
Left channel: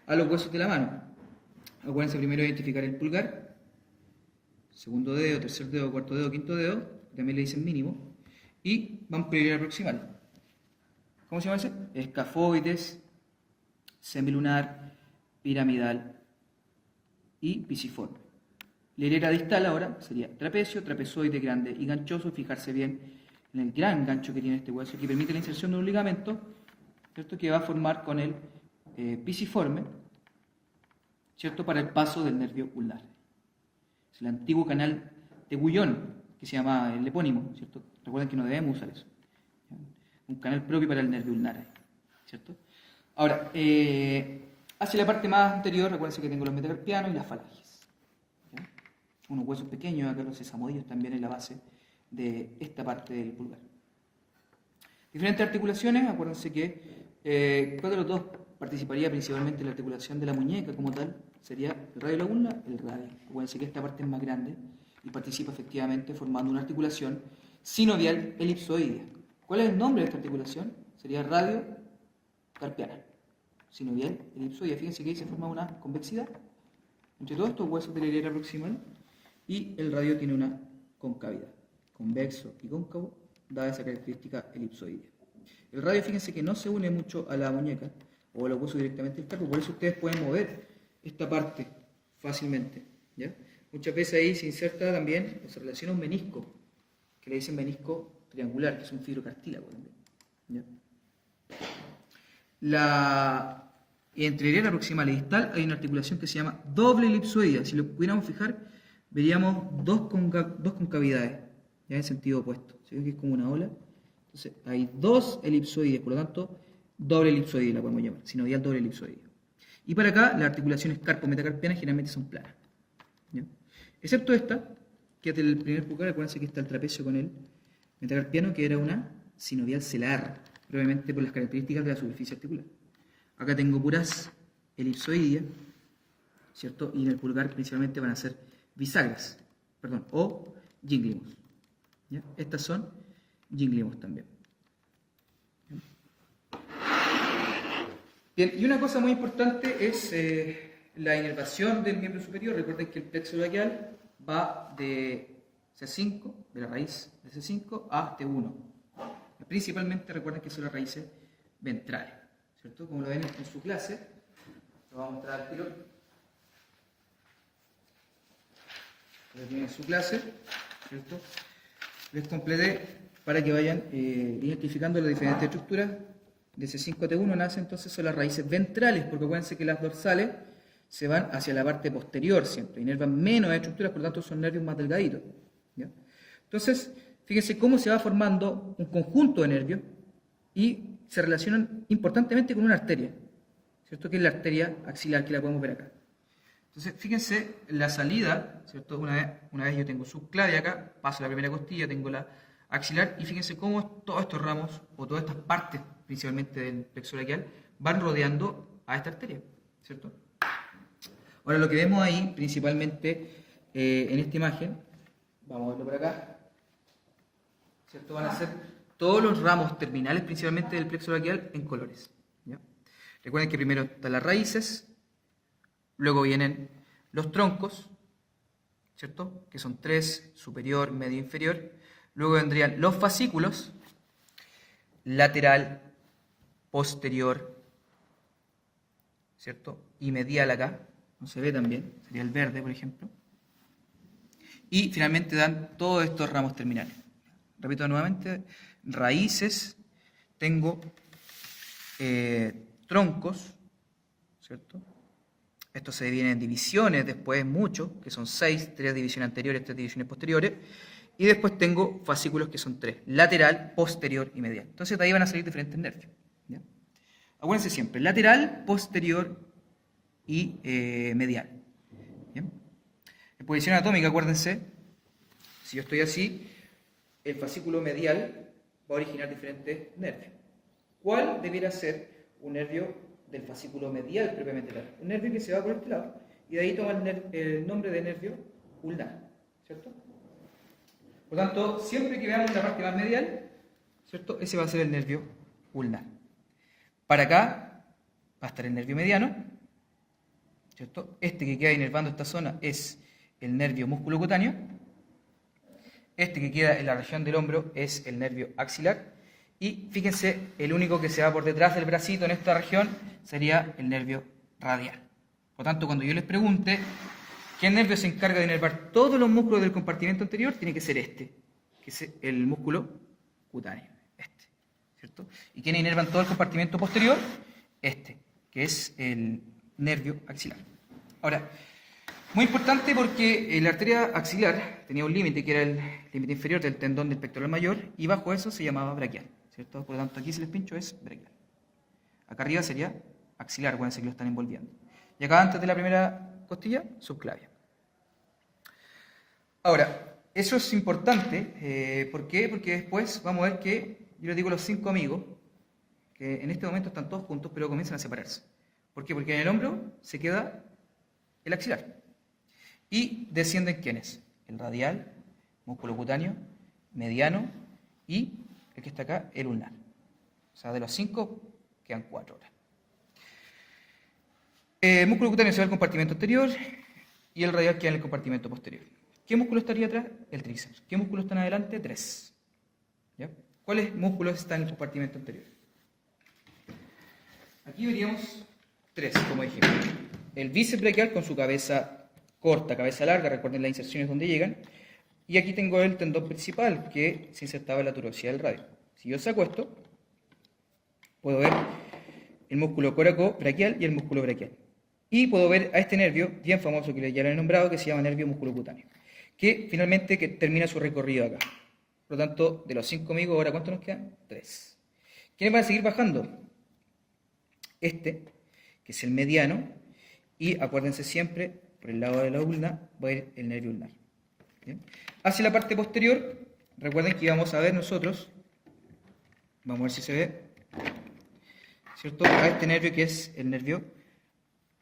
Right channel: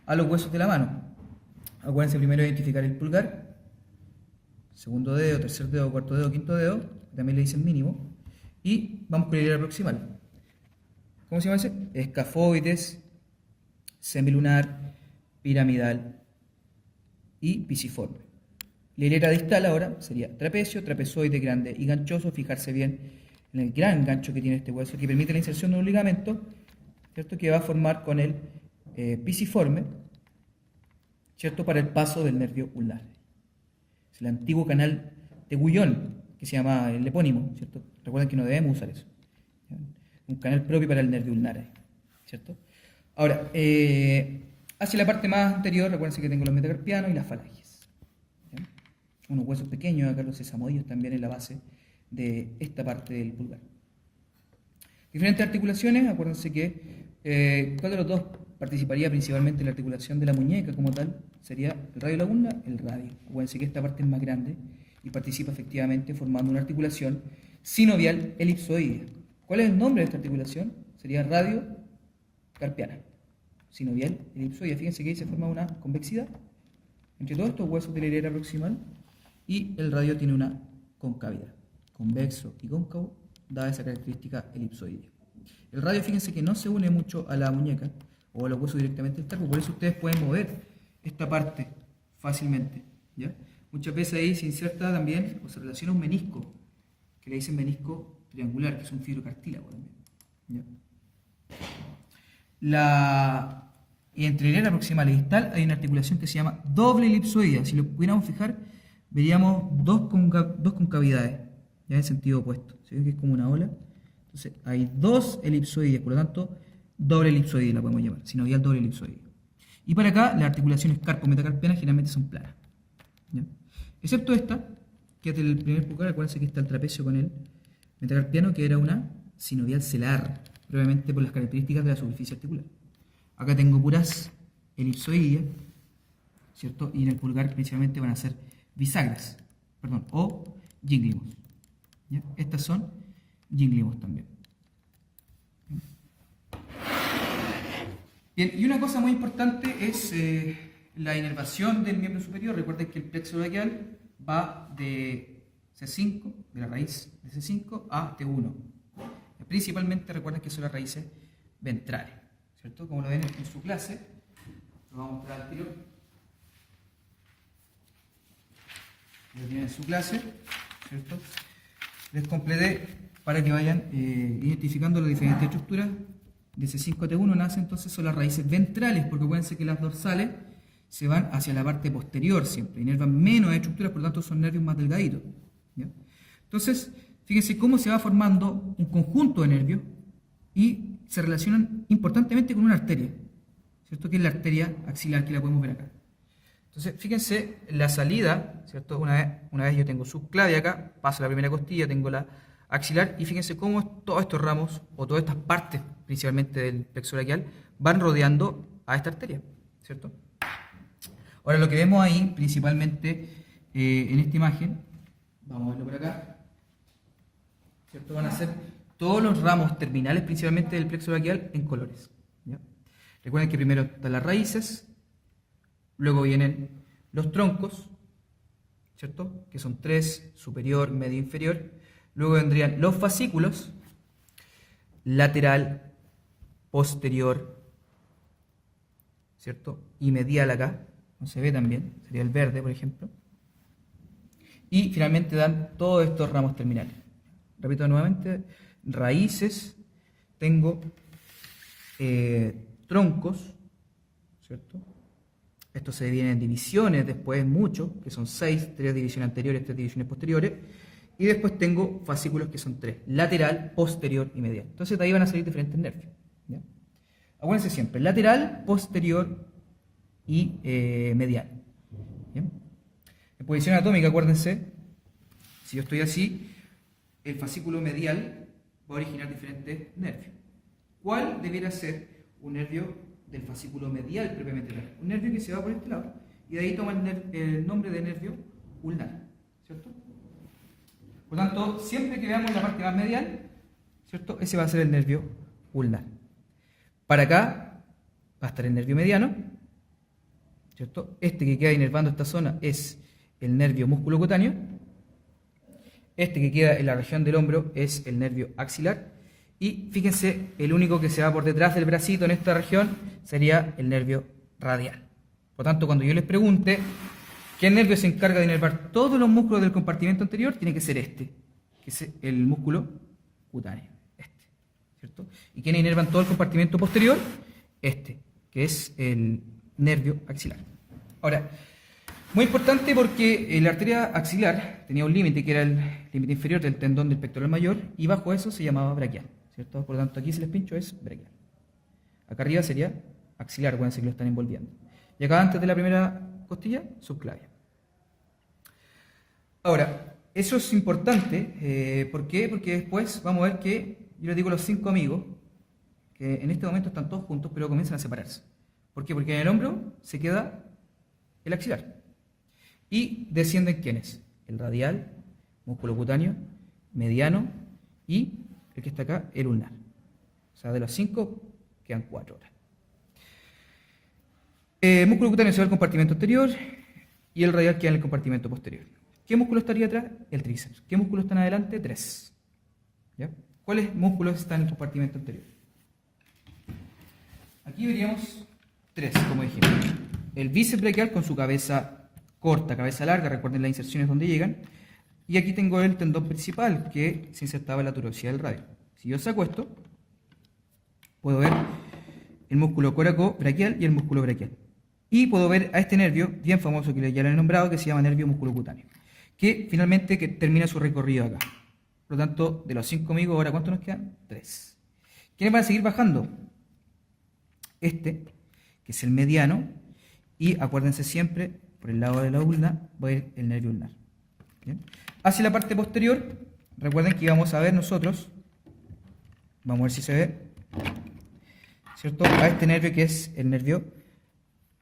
a los huesos de la mano. Acuérdense primero identificar el pulgar, segundo dedo, tercer dedo, cuarto dedo, quinto dedo, que también le dicen mínimo, y vamos con la hilera proximal. ¿Cómo se llama ese? Escafoides, semilunar, piramidal y pisiforme. La hilera distal ahora sería trapecio, trapezoide grande y ganchoso. Fijarse bien en el gran gancho que tiene este hueso, que permite la inserción de un ligamento, ¿cierto? Que va a formar con el pisiforme, ¿cierto? Para el paso del nervio ulnar. Es el antiguo canal de Gullón, que se llama el epónimo, ¿cierto? Recuerden que no debemos usar eso. Un canal propio para el nervio ulnar, ¿cierto? Ahora, hacia la parte más anterior, recuerden que tengo los metacarpianos y las falanges. ¿Ya? Unos huesos pequeños, acá los sesamodillos también en la base de esta parte del pulgar. Diferentes articulaciones, acuérdense que ¿cuál de los dos participaría principalmente en la articulación de la muñeca como tal? Sería el radio de la ulna, el radio. Acuérdense que esta parte es más grande y participa efectivamente formando una articulación sinovial elipsoidea. ¿Cuál es el nombre de esta articulación? Sería radio carpiana. Sinovial elipsoidea. Fíjense que ahí se forma una convexidad entre todos estos huesos de la hilera proximal y el radio tiene una concavidad. Convexo y cóncavo, dada esa característica elipsoidea. El radio, fíjense que no se une mucho a la muñeca o a los huesos directamente del carpo, por eso ustedes pueden mover esta parte fácilmente. ¿Ya? Muchas veces ahí se inserta también o se relaciona un menisco, que le dicen menisco triangular, que es un fibrocartílago también. ¿Ya? Y entre la hilera proximal y distal hay una articulación que se llama doble elipsoidea. Si lo pudiéramos fijar, veríamos dos concavidades, ya en sentido opuesto. ¿Se ve que es como una ola? Entonces hay dos elipsoides, por lo tanto, doble elipsoidea la podemos llamar, sinovial doble elipsoidea. Y para acá, las articulaciones carpo-metacarpianas generalmente son planas. ¿Ya? Excepto esta, que es del primer pulgar, acuérdense que está el trapecio con el metacarpiano, que era una sinovial celar, probablemente por las características de la superficie articular. Acá tengo puras elipsoideas, ¿cierto? Y en el pulgar principalmente van a ser bisagras, o ginglimos. ¿Ya? Estas son ginglimos también. Bien, y una cosa muy importante es la inervación del miembro superior. Recuerden que el plexo braquial va de C5, de la raíz de C5 a T1. Principalmente recuerden que son las raíces ventrales, ¿cierto? Como lo ven en su clase, lo vamos a mostrar al tiro. Lo tienen en su clase, ¿cierto? Les completé para que vayan identificando las diferentes estructuras. De C5 a T1 nace entonces son las raíces ventrales, porque acuérdense que las dorsales se van hacia la parte posterior siempre, inervan menos estructuras, por lo tanto son nervios más delgaditos. ¿Ya? Entonces, fíjense cómo se va formando un conjunto de nervios y se relacionan importantemente con una arteria, ¿cierto? Que es la arteria axilar, que la podemos ver acá. Entonces, fíjense la salida, ¿cierto? Una vez yo tengo subclavia acá, paso la primera costilla, tengo la axilar, y fíjense cómo todos estos ramos, o todas estas partes, principalmente del plexo braquial, van rodeando a esta arteria, ¿cierto? Ahora, lo que vemos ahí, principalmente en esta imagen, vamos a verlo por acá, ¿cierto? Van a ser todos los ramos terminales, principalmente del plexo braquial, en colores. ¿Ya? Recuerden que primero están las raíces, luego vienen los troncos, ¿cierto? Que son tres, superior, medio, inferior. Luego vendrían los fascículos, lateral, posterior, ¿cierto? Y medial acá, no se ve tan bien, sería el verde, por ejemplo. Y finalmente dan todos estos ramos terminales. Repito nuevamente, raíces, tengo troncos, ¿cierto? Esto se divide en divisiones, después mucho, que son 6, 3 divisiones anteriores, 3 divisiones posteriores. Y después tengo fascículos que son 3, lateral, posterior y medial. Entonces de ahí van a salir diferentes nervios. ¿Ya? Acuérdense siempre, lateral, posterior y medial. ¿Ya? En posición anatómica, acuérdense, si yo estoy así, el fascículo medial va a originar diferentes nervios. ¿Cuál debiera ser un nervio del fascículo medial propiamente tal? Un nervio que se va por este lado y de ahí toma el nombre de nervio ulnar, ¿cierto? Por lo tanto, siempre que veamos la parte más medial, ¿cierto? Ese va a ser el nervio ulnar. Para acá va a estar el nervio mediano, ¿cierto? Este que queda inervando esta zona es el nervio musculocutáneo. Este que queda en la región del hombro es el nervio axilar. Y fíjense, el único que se va por detrás del bracito en esta región sería el nervio radial. Por lo tanto, cuando yo les pregunte qué nervio se encarga de inervar todos los músculos del compartimento anterior, tiene que ser este, que es el músculo cutáneo, este, ¿cierto? ¿Y quién inervan todo el compartimento posterior? Este, que es el nervio axilar. Ahora, muy importante porque la arteria axilar tenía un límite que era el límite inferior del tendón del pectoral mayor y bajo eso se llamaba braquial, ¿cierto? Por lo tanto, aquí si les pincho es braquial. Acá arriba sería axilar, acuérdense que lo están envolviendo. Y acá antes de la primera costilla, subclavia. Ahora, eso es importante, ¿por qué? Porque después vamos a ver que, yo les digo a los 5 amigos, que en este momento están todos juntos, pero comienzan a separarse. ¿Por qué? Porque en el hombro se queda el axilar. Y descienden ¿quiénes? El radial, músculo cutáneo, mediano y el que está acá, el ulnar. O sea, de los 5 quedan 4 ahora. Músculo cutáneo se va al compartimento anterior y el radial queda en el compartimento posterior. ¿Qué músculo estaría atrás? El tríceps. ¿Qué músculos están adelante? 3. ¿Ya? ¿Cuáles músculos están en el compartimento anterior? Aquí veríamos 3, como dijimos. El bíceps braquial con su cabeza corta, cabeza larga, recuerden las inserciones donde llegan. Y aquí tengo el tendón principal que se insertaba en la turosidad del radio. Si yo saco esto, puedo ver el músculo coracobraquial y el músculo braquial. Y puedo ver a este nervio, bien famoso que ya lo he nombrado, que se llama nervio musculocutáneo, que finalmente termina su recorrido acá. Por lo tanto, de los 5 amigos, ahora ¿cuántos nos quedan? 3. ¿Quiénes van a seguir bajando? Este, que es el mediano, y acuérdense siempre, por el lado de la ulna va a ir el nervio ulnar. ¿Bien? Hacia la parte posterior, recuerden que íbamos a ver nosotros, vamos a ver si se ve, ¿cierto? A este nervio que es el nervio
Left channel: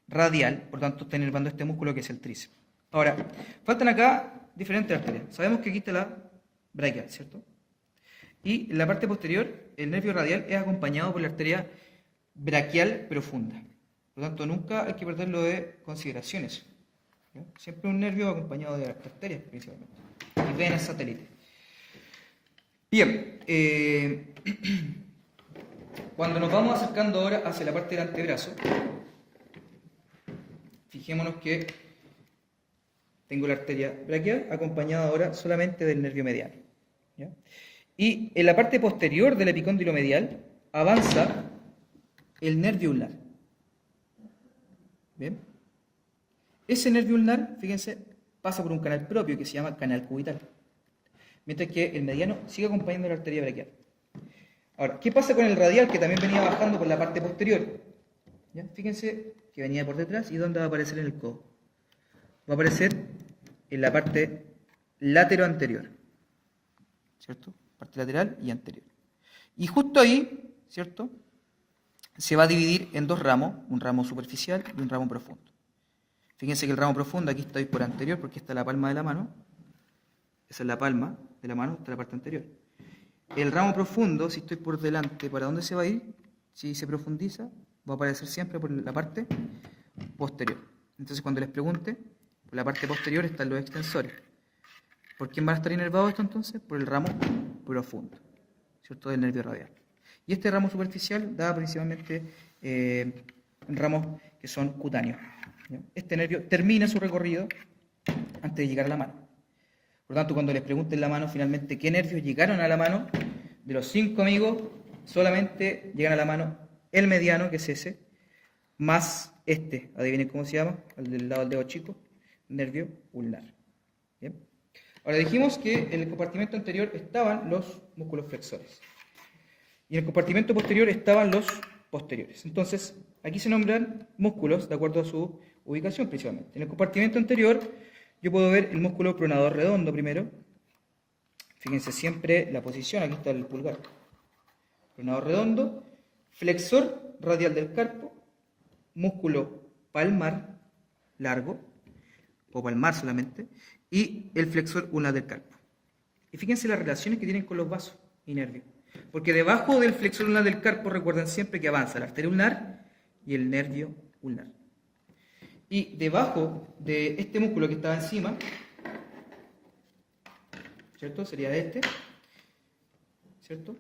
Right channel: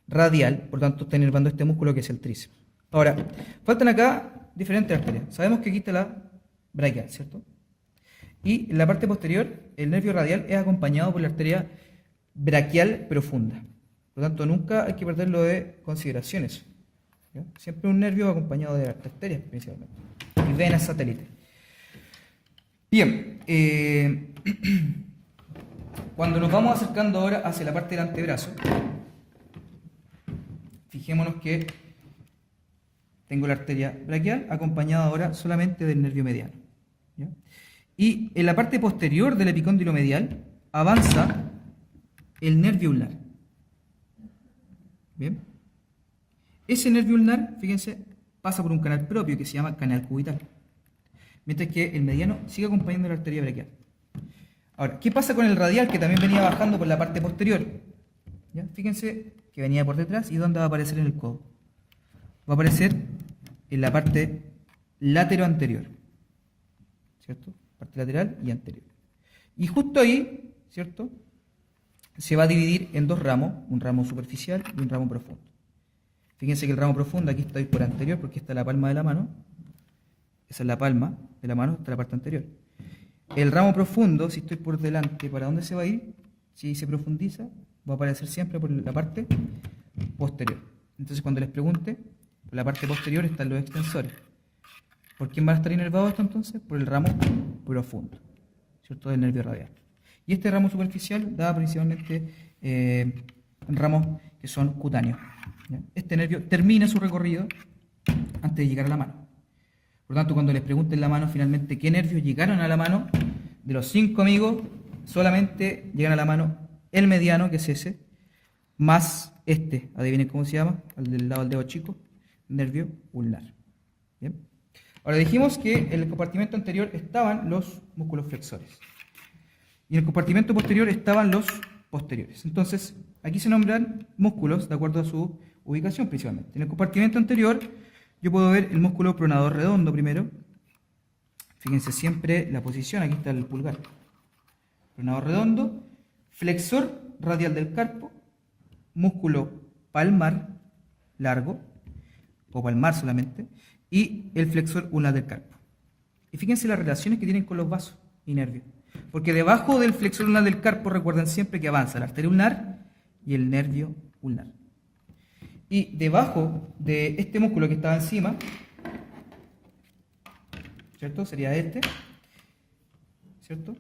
radial, por lo tanto está inervando este músculo que es el tríceps. Ahora, faltan acá diferentes arterias. Sabemos que aquí está la braquial, ¿cierto? Y en la parte posterior, el nervio radial es acompañado por la arteria braquial profunda. Por lo tanto, nunca hay que perderlo de consideraciones. ¿Ya? Siempre un nervio acompañado de arterias principalmente. Y venas satélites. Bien. Cuando nos vamos acercando ahora hacia la parte del antebrazo, fijémonos que tengo la arteria braquial acompañada ahora solamente del nervio mediano. ¿Ya? Y en la parte posterior del epicóndilo medial avanza el nervio ulnar. ¿Bien? Ese nervio ulnar, fíjense, pasa por un canal propio que se llama canal cubital. Mientras que el mediano sigue acompañando la arteria braquial. Ahora, ¿qué pasa con el radial que también venía bajando por la parte posterior? ¿Ya? Fíjense que venía por detrás y ¿dónde va a aparecer en el codo? Va a aparecer en la parte lateroanterior, ¿cierto? Parte lateral y anterior. Y justo ahí, ¿cierto? Se va a dividir en 2 ramos, un ramo superficial y un ramo profundo. Fíjense que el ramo profundo, aquí estoy por anterior porque está la palma de la mano. Esa es la palma de la mano, está la parte anterior. El ramo profundo, si estoy por delante, ¿para dónde se va a ir? Si se profundiza, va a aparecer siempre por la parte posterior. Entonces, cuando les pregunte, por la parte posterior están los extensores. ¿Por quién van a estar inervados esto entonces? Por el ramo profundo, ¿cierto? Del nervio radial. Y este ramo superficial da principalmente ramos que son cutáneos. ¿Ya? Este nervio termina su recorrido antes de llegar a la mano. Por lo tanto, cuando les pregunten la mano, finalmente, ¿qué nervios llegaron a la mano? De los 5 amigos, solamente llegan a la mano el mediano, que es ese, más este, adivinen cómo se llama, al del lado del dedo chico, nervio ulnar. ¿Bien? Ahora dijimos que en el compartimento anterior estaban los músculos flexores. Y en el compartimento posterior estaban los posteriores. Entonces, aquí se nombran músculos de acuerdo a su ubicación principalmente. En el compartimento anterior yo puedo ver el músculo pronador redondo primero. Fíjense siempre la posición, aquí está el pulgar. Pronador redondo, flexor radial del carpo, músculo palmar largo, o palmar solamente, y el flexor ulnar del carpo. Y fíjense las relaciones que tienen con los vasos y nervios. Porque debajo del flexor ulnar del carpo, recuerden siempre que avanza la arteria ulnar y el nervio ulnar. Y debajo de este músculo que estaba encima, ¿cierto? Sería este, ¿cierto?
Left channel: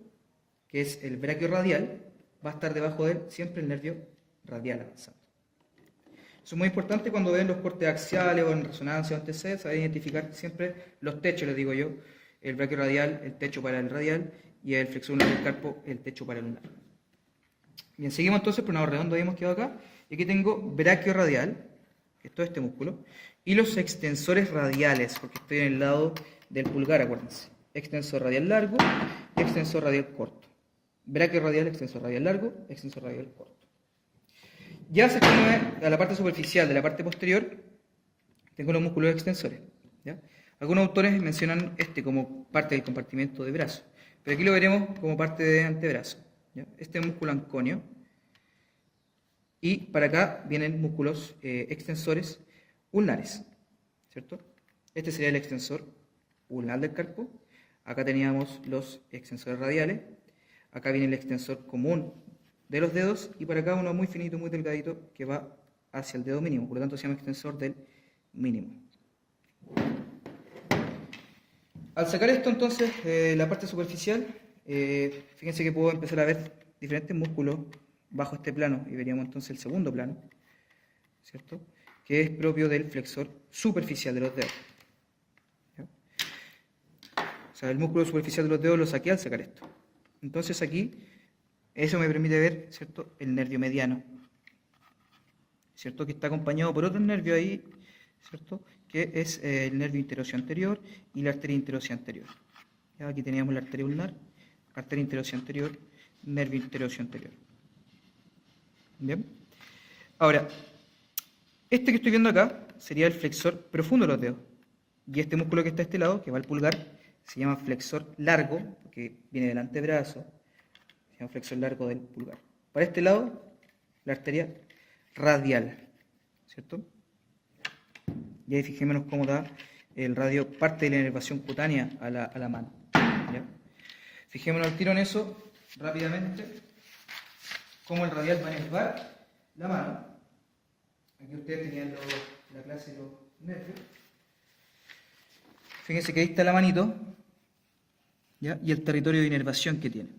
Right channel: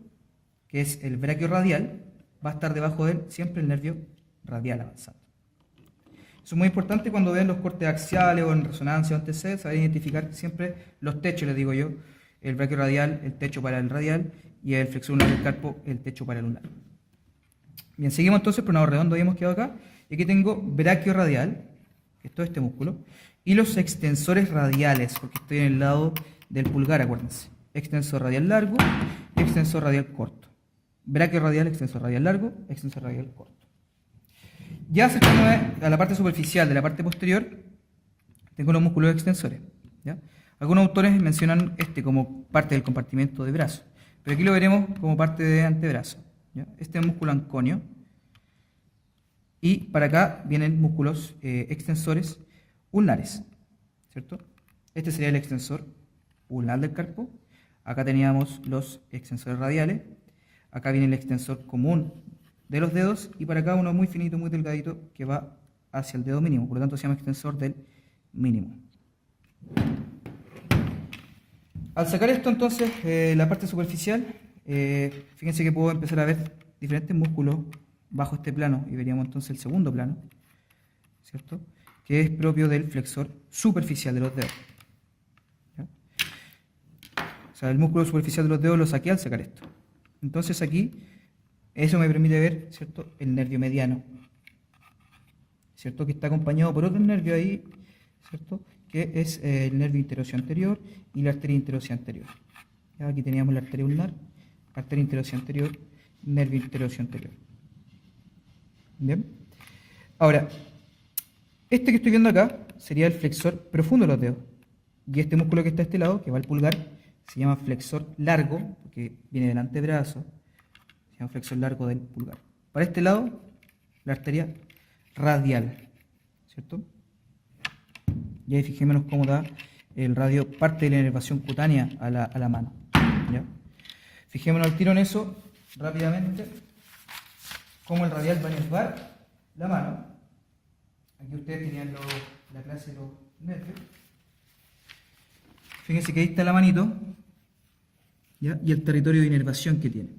Que es el braquio radial, va a estar debajo de él siempre el nervio radial avanzando. Eso es muy importante cuando ven los cortes axiales o en resonancia o en TC, saber identificar siempre los techos, les digo yo, el braquio radial, el techo para el radial, y el flexor ulnar del carpo, el techo para el ulnar. Bien, seguimos entonces, pronador redondo habíamos quedado acá, y aquí tengo braquio radial, que es todo este músculo, y los extensores radiales, porque estoy en el lado del pulgar, acuérdense. Extensor radial largo y extensor radial corto. Braquio radial, extensor radial largo, extensor radial corto. Ya acercándome a la parte superficial de la parte posterior, tengo los músculos extensores, ¿ya? Algunos autores mencionan este como parte del compartimento de brazo, pero aquí lo veremos como parte de antebrazo, ¿ya? Este es músculo anconio, y para acá vienen músculos extensores ulnares, ¿cierto? Este sería el extensor ulnar del carpo. Acá teníamos los extensores radiales, acá viene el extensor común de los dedos, y para acá uno muy finito, muy delgadito, que va hacia el dedo mínimo, por lo tanto se llama extensor del mínimo. Al sacar esto entonces, la parte superficial, fíjense que puedo empezar a ver diferentes músculos bajo este plano, y veríamos entonces el segundo plano, ¿cierto? Que es propio del flexor superficial de los dedos. ¿Ya? O sea, el músculo superficial de los dedos lo saqué al sacar esto. Entonces aquí, eso me permite ver, ¿cierto?, el nervio mediano, ¿cierto?, que está acompañado por otro nervio ahí, ¿cierto?, que es el nervio interoseo anterior y la arteria interosea anterior. ¿Ya? Aquí teníamos la arteria ulnar, arteria interosea anterior, nervio interoseo anterior. Bien. Ahora, este que estoy viendo acá sería el flexor profundo de los dedos. Y este músculo que está a este lado, que va al pulgar, se llama flexor largo, porque viene del antebrazo, se llama flexor largo del pulgar. Para este lado, la arteria radial, ¿cierto? Y ahí fijémonos cómo da el radio parte de la inervación cutánea a la mano. ¿Ya? Fijémonos al tiro en eso, rápidamente, cómo el radial va a inervar la mano. Aquí ustedes tenían la clase de los nervios. Fíjense que ahí está la manito, ¿ya? Y el territorio de inervación que tiene,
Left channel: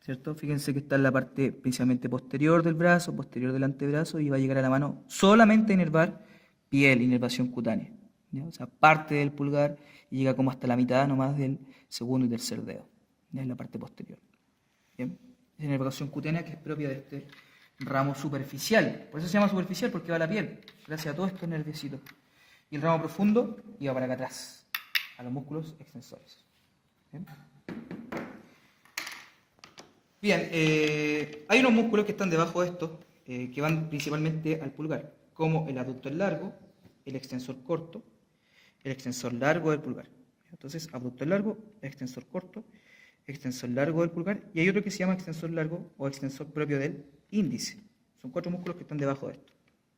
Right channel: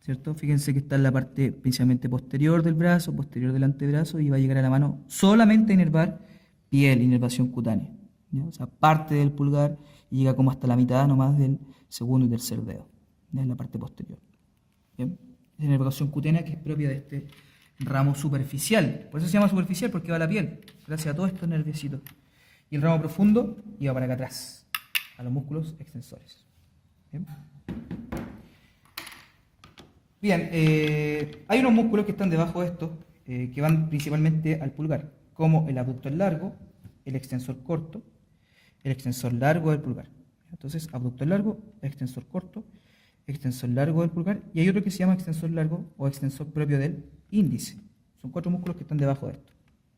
¿cierto? Fíjense que está en la parte principalmente posterior del brazo, posterior del antebrazo, y va a llegar a la mano solamente a inervar piel, inervación cutánea, ¿ya? O sea, parte del pulgar y llega como hasta la mitad nomás del segundo y tercer dedo, ¿ya? En la parte posterior. Bien, es inervación cutánea que es propia de este ramo superficial. Por eso se llama superficial, porque va a la piel, gracias a todos estos nerviecitos. Y el ramo profundo iba para acá atrás, a los músculos extensores. Bien. Bien, hay unos músculos que están debajo de estos, que van principalmente al pulgar, como el abductor largo, el extensor corto, el extensor largo del pulgar. Entonces, abductor largo, extensor corto, extensor largo del pulgar, y hay otro que se llama extensor largo o extensor propio del índice. Son 4 músculos que están debajo de esto.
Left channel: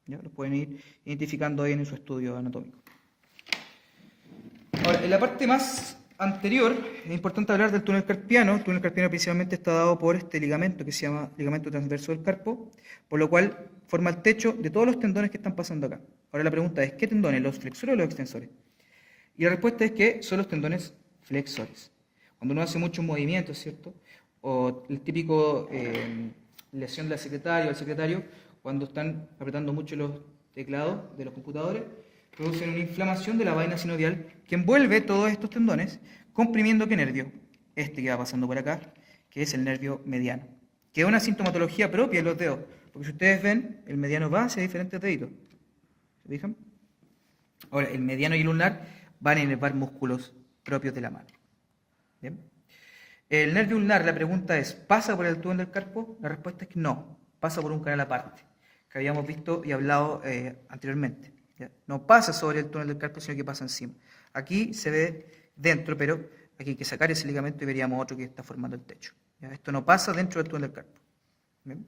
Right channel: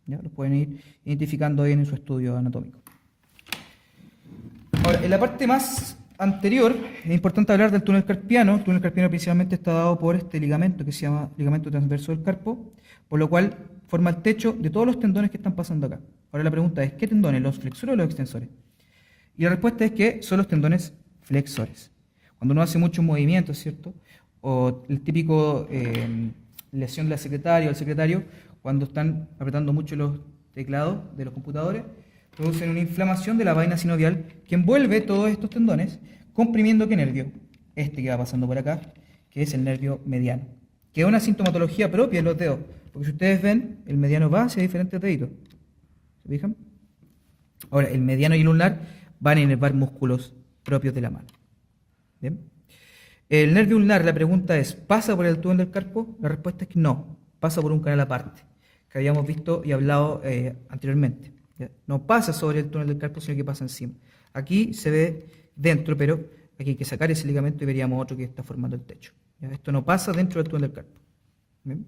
¿Ya? Los pueden ir identificando ahí en su estudio anatómico. Ahora, en la parte más anterior, es importante hablar del túnel carpiano. El túnel carpiano principalmente está dado por este ligamento que se llama ligamento transverso del carpo, por lo cual forma el techo de todos los tendones que están pasando acá. Ahora la pregunta es, ¿qué tendones? ¿Los flexores o los extensores? Y la respuesta es que son los tendones flexores. Cuando uno hace muchos movimientos, ¿cierto? O el típico lesión de la secretaria o el secretario, cuando están apretando mucho los teclados de los computadores, producen una inflamación de la vaina sinovial que envuelve todos estos tendones, comprimiendo ¿qué nervio? Este que va pasando por acá, que es el nervio mediano, que es una sintomatología propia de los dedos, porque si ustedes ven, el mediano va hacia diferentes deditos. ¿Se fijan? Ahora, el mediano y el ulnar van a inervar músculos propios de la mano. ¿Bien? El nervio ulnar, la pregunta es, ¿pasa por el túnel del carpo? La respuesta es que no, pasa por un canal aparte, que habíamos visto y hablado anteriormente. ¿ya? No pasa sobre el túnel del carpo, sino que pasa encima. Aquí se ve dentro, pero aquí hay que sacar ese ligamento y veríamos otro que está formando el techo. ¿Ya? Esto no pasa dentro del túnel del carpo. ¿Bien?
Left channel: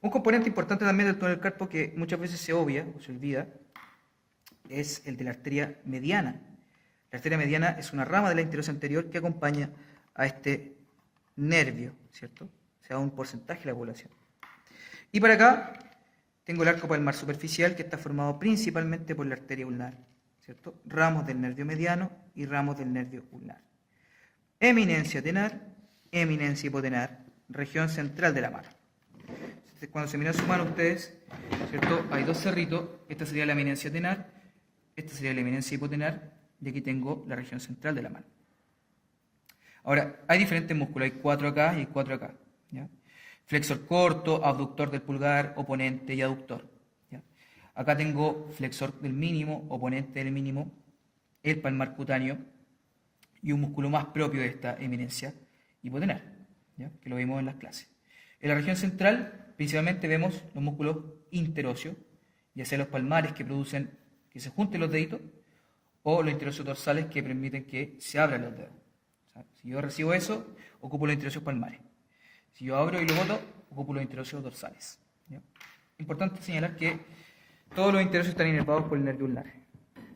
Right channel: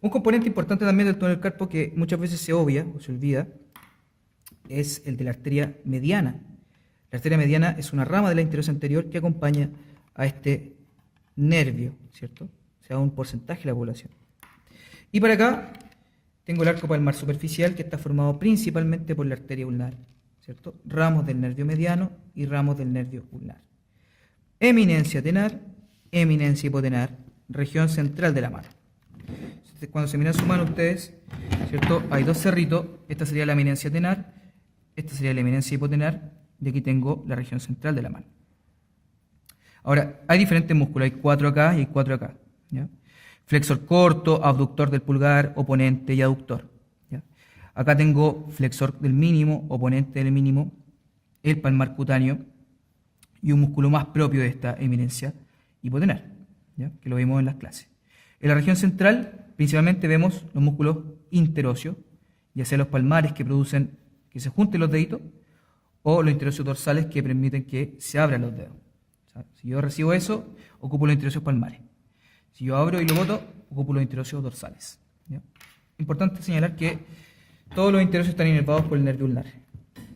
Un componente importante también del túnel del carpo que muchas veces se obvia o se olvida es el de la arteria mediana. La arteria mediana es una rama de la interosa anterior que acompaña a este nervio, ¿cierto? O sea, un porcentaje de la población. Y para acá tengo el arco palmar superficial que está formado principalmente por la arteria ulnar, ¿cierto? Ramos del nervio mediano y ramos del nervio ulnar. Eminencia tenar, eminencia hipotenar, región central de la mano. Entonces, cuando se miran su mano ustedes, ¿cierto? Hay dos cerritos, esta sería la eminencia tenar, esta sería la eminencia hipotenar, y aquí tengo la región central de la mano. Ahora, hay diferentes músculos, hay 4 acá y hay 4 acá, ¿ya? Flexor corto, abductor del pulgar, oponente y aductor, ¿ya? Acá tengo flexor del mínimo, oponente del mínimo, el palmar cutáneo y un músculo más propio de esta eminencia hipotenar, ¿ya? Que lo vimos en las clases. En la región central, principalmente vemos los músculos interóseos, ya sea los palmares que producen que se junten los deditos, o los interóseos dorsales que permiten que se abran los dedos. O sea, si yo recibo eso, ocupo los interóseos palmares. Si yo abro y lo boto, ocupo los interóseos dorsales, ¿ya? Importante señalar que todos los interóseos están inervados por el nervio ulnar,